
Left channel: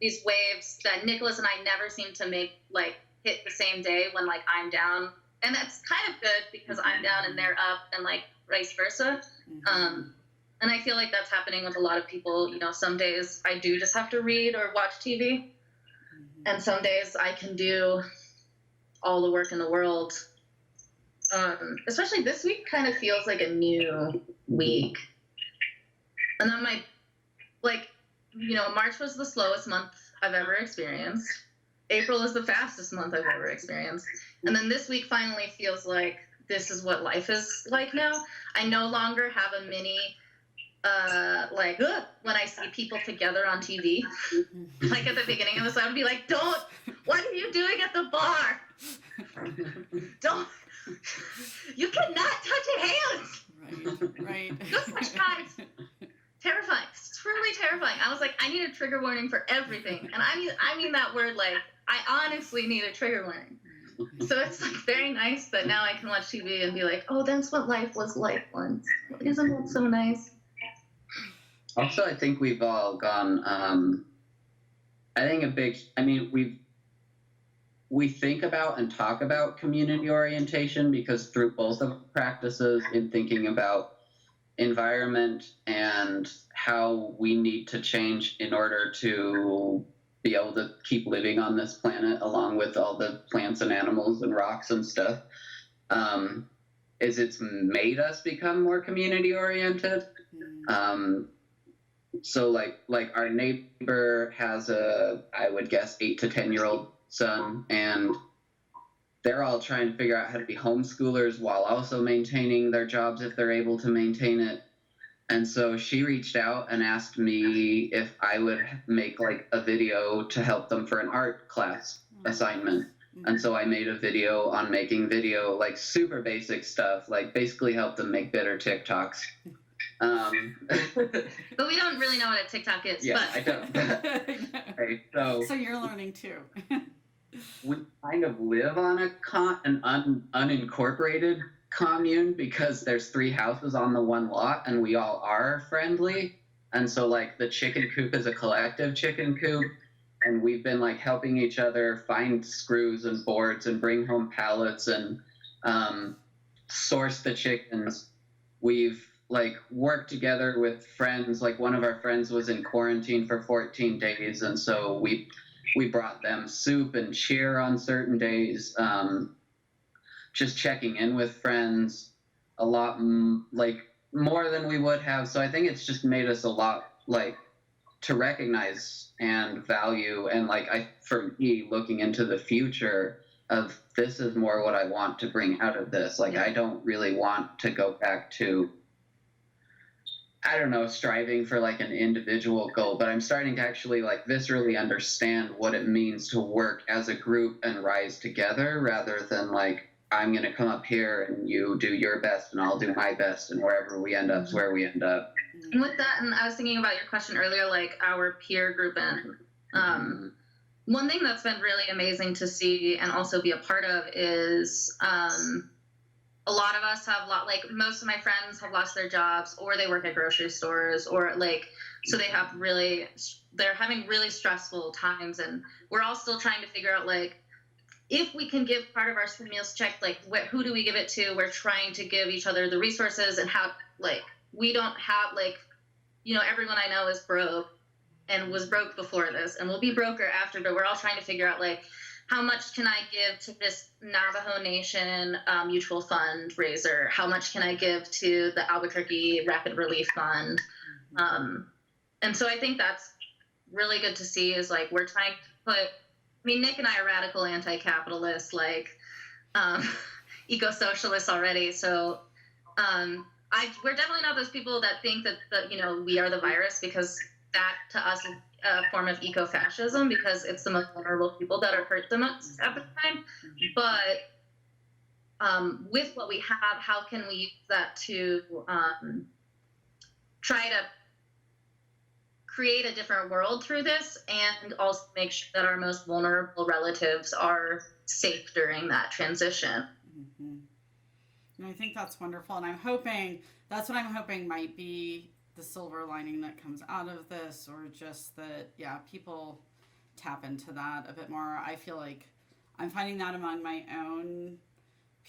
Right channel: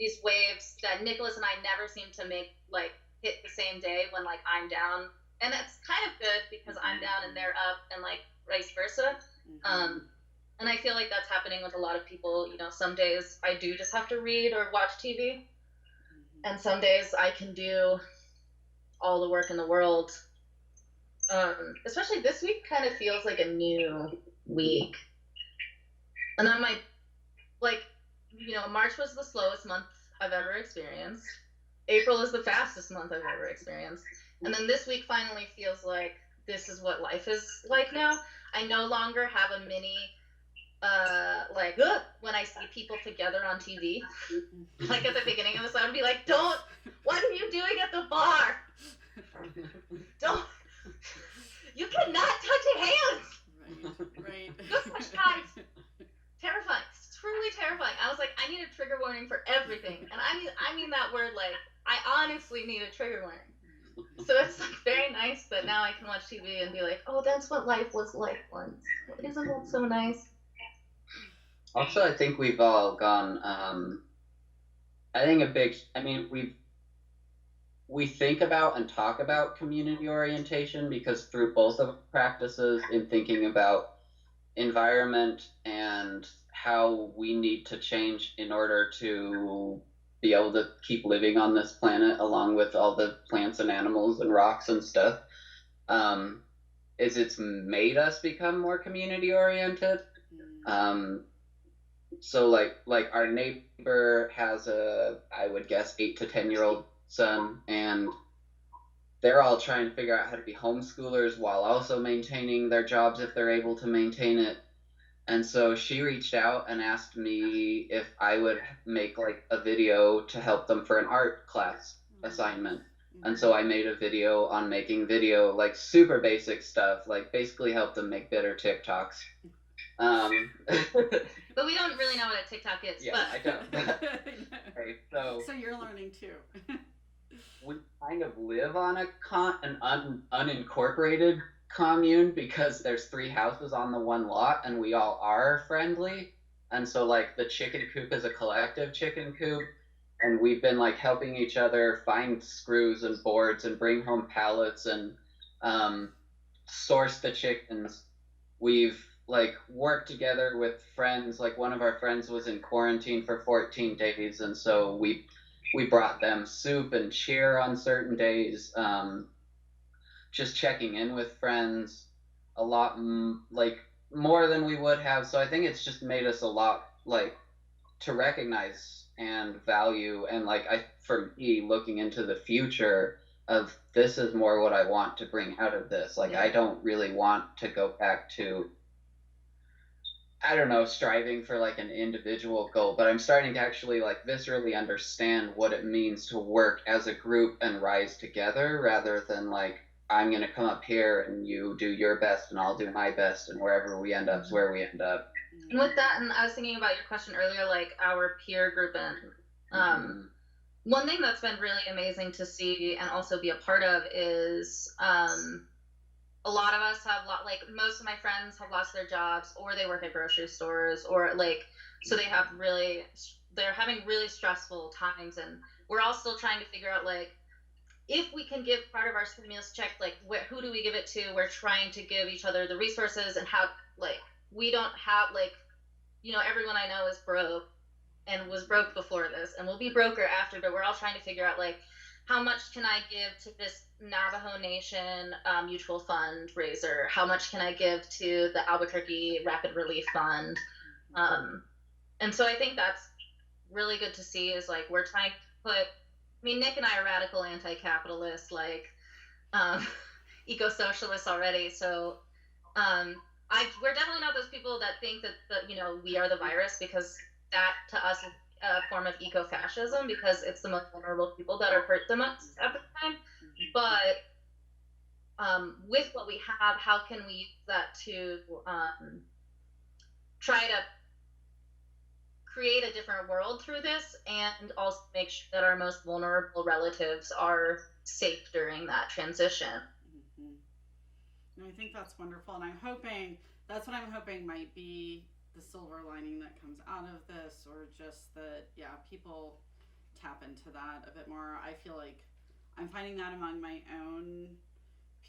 these waves that Nicholas and I never seem to make like hit the same day when like I'm down, and that's kind of good because I'm down and they're up, and like vice versa. And I feel like that's happening with a lot of people. Some days I do just have to read or watch TV, and some days I can do all the work in the world. Especially this week kind of feels like a new week. And then March was the slowest month I've ever experienced. April is the fastest month I've ever experienced. And then this week finally feels like this is what life is like now. I no longer have a mini when I see people together on TV, like at the beginning of this, I would be like, what are you doing at the bar? You cannot touch hands. Right. Oh my God, it's terrifying. It's truly terrifying. I was like, I need a trigger warning for everything. And I mean that word, like, I honestly need a trigger warning. So it's like very nice that now I can watch TV and be like, oh, that's what life was like once. Isn't that so nice? Also, I think we've all gone, we think about and talk about community orientation because through both of practices in thinking about environment and how we need to change in order to be able to keep living on this planet along with all the plants and animals and rocks and stuff, is it's made us become more community oriented. So like our neighbor has I would guess 8 to 10-year-old son, and they're all trying to figure out how to be homeschoolers while also maintaining their jobs if they're able to maintain it. And so she reached out and asked me if I would make like a video to help them for an art class assignment. And so I made a video on making video, like super basic stuff, like basically help them make better TikToks. But we don't really know what a TikTok is. Yeah, but. I don't. Right, so you're learning too. We kind of live on an unincorporated commune because there's 3 houses on the one lot and we all are friendly. And so like the chicken coop is a collective chicken coop. And we've been like helping each other find screws and boards and bring home pallets and source the chickens. We've like worked together with friends. Like one of our friends was in quarantine for 14 days, and so we brought them soup and cheer on certain days. Just checking in with friends a lot, like more than we would have. So I think it's just made us a lot like to recognize and value, and like for me looking into the future of this is more what I want to bring out of this. Like I don't really want to go back to, I don't know, striving for like an individual goal, but I'm starting to actually like viscerally understand what it means to work as a group and rise together rather than like I'm gonna come up here and you do your best and I'll do my best and wherever we end up is where we end up. And with that, and I was thinking about your question earlier, like our peer group, and one thing that's been really amazing to see and also be a part of is a lot of us have like most of my friends have lost their jobs or they work at grocery stores or like so they're having really stressful times, and we're all still trying to figure out like if we can give part of our stimulus check, like who do we give it to? We're trying to give each other the resources and how like we don't have like, you know, everyone I know is broke and was broke before this and will be broker after, but we're all trying to figure out like how much can I give to this Navajo Nation mutual fund raiser? How much can I give to the Albuquerque Rapid Relief Fund? And so I think that's really good to see is like we're trying to put, I mean, Nick and I are radical anti-capitalist, like eco-socialists already. So we're definitely not those people that think that you know, we are the virus, because that to us is a form of eco-fascism because it's the most vulnerable people that are hurt the most at the time. But with what we have, how can we use that to try to create a different world through this and also make sure that our most vulnerable relatives are safe during that transition? And I think that's wonderful, and that's what I'm hoping might be the silver lining that comes out of this, or just that, yeah, people tap into that a bit more. I feel like I'm finding that among my own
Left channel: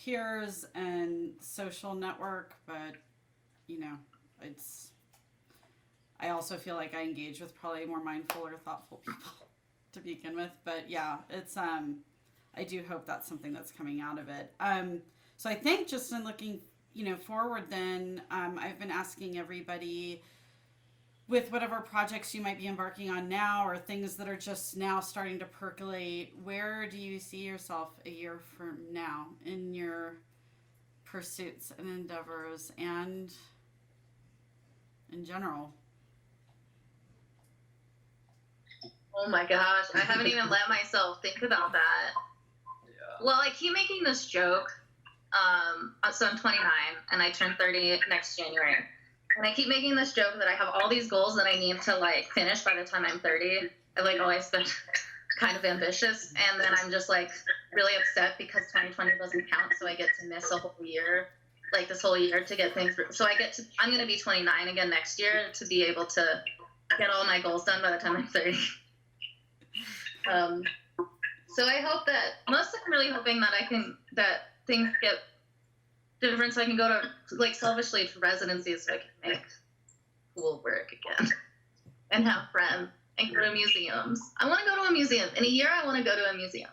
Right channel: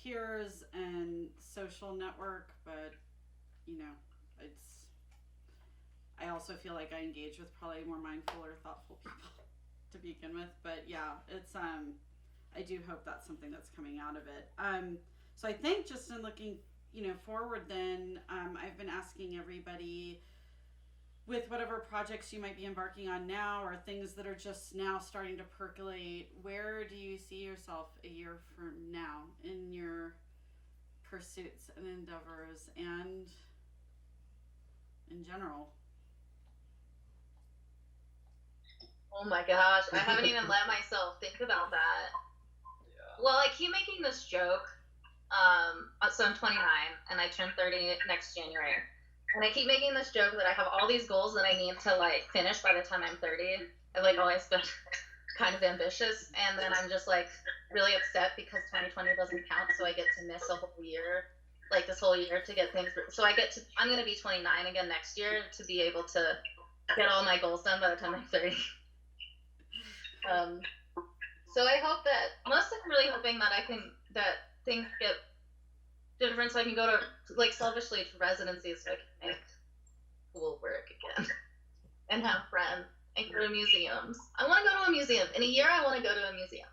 peers and social network, but you know, I also feel like I engage with probably more mindful or thoughtful people to begin with, but yeah, it's I do hope that's something that's coming out of it. So I think just in looking, you know, forward then, I've been asking everybody with whatever projects you might be embarking on now or things that are just now starting to percolate, where do you see yourself a year from now in your pursuits and endeavors and in general? Oh my gosh, I haven't even let myself think about that. Yeah. Well, I keep making this joke. So I'm 29 and I turn 30 next January. And I keep making this joke that I have all these goals that I need to like finish by the time I'm 30. I like always been kind of ambitious, and then I'm just like really upset because 2020 doesn't count, so I get to miss a whole year, like this whole year to get things through. So I'm gonna be 29 again next year to be able to get all my goals done by the time I'm 30. So I hope that, mostly I'm really hoping that things get different so I can go to, like, selfishly to residencies so I can make cool work again and have friends and go to museums. I want to go to a museum. In a year, I want to go to a museum.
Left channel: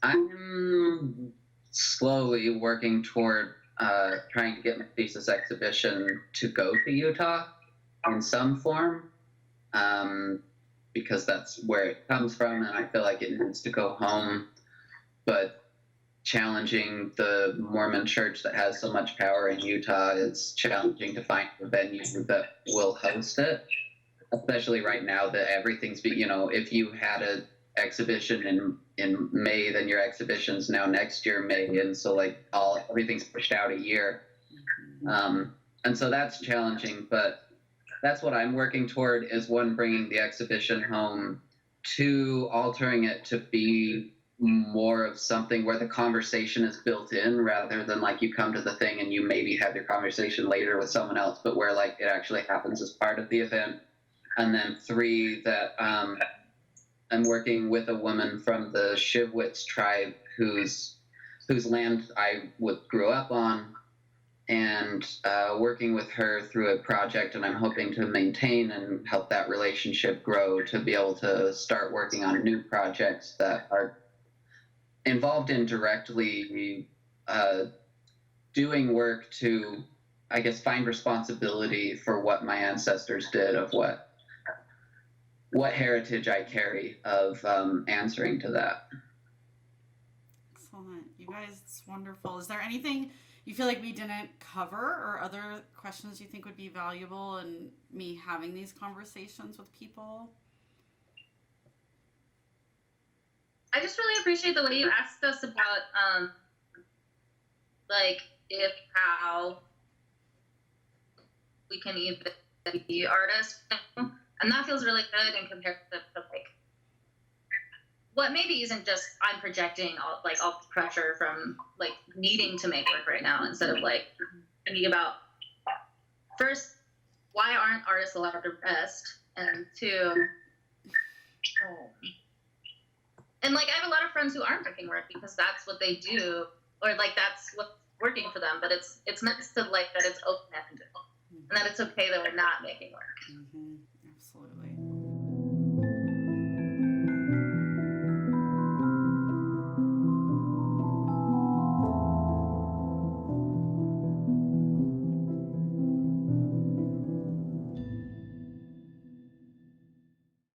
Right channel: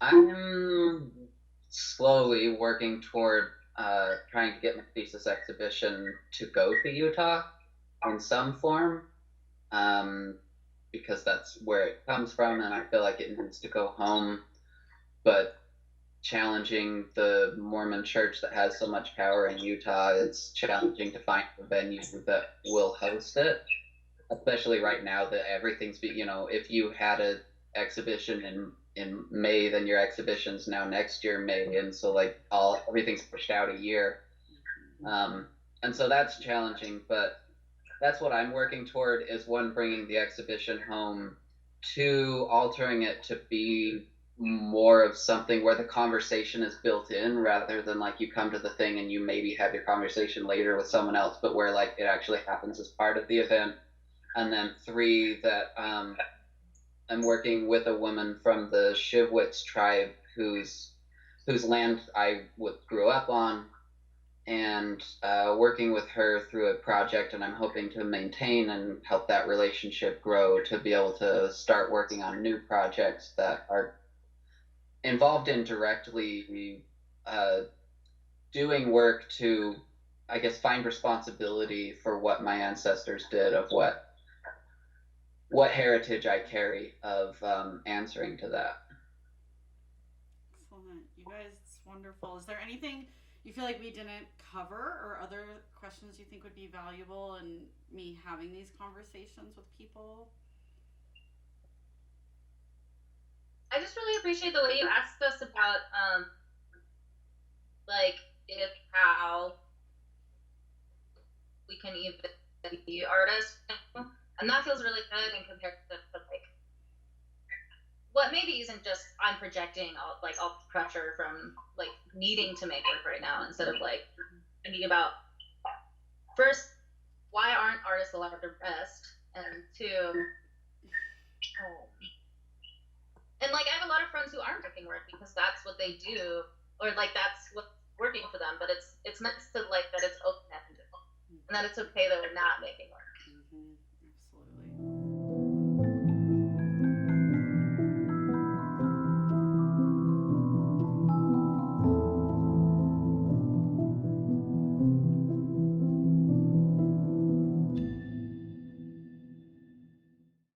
I'm slowly working toward trying to get my thesis exhibition to go to Utah in some form, because that's where it comes from, and I feel like it needs to go home. But challenging the Mormon church that has so much power in Utah, it's challenging to find a venue that will host it. especially right now that everything's if you had a exhibition in May, then your exhibition's now next year May, and so like everything's pushed out a year. And so that's challenging, but that's what I'm working toward, is one, bringing the exhibition home, two, altering it to be more of something where the conversation is built in, rather than like you come to the thing and you maybe have your conversation later with someone else, but where like it actually happens as part of the event. And then three, that I'm working with a woman from the Shivwits tribe whose land I grew up on, and working with her through a project, and I'm hoping to maintain and help that relationship grow to be able to start working on new projects that are involved in directly doing work to, I guess, find responsibility for what my ancestors did, of what heritage I carry, of answering to that. Excellent. You guys, it's wonderful. Is there anything you feel like we didn't cover, or other questions you think would be valuable in me having these conversations with people? I just really appreciate the way you asked us about, like, if how we can even be artists, and that feels really good in comparison to like what maybe isn't just I'm projecting all the pressure from like needing to make work right now, instead of like thinking about, first, why aren't artists allowed to rest, and two, and like I have a lot of friends who aren't making work because that's what they do, or like that's what's working for them, but it's nice to like that it's open-ended and that it's okay that we're not making work.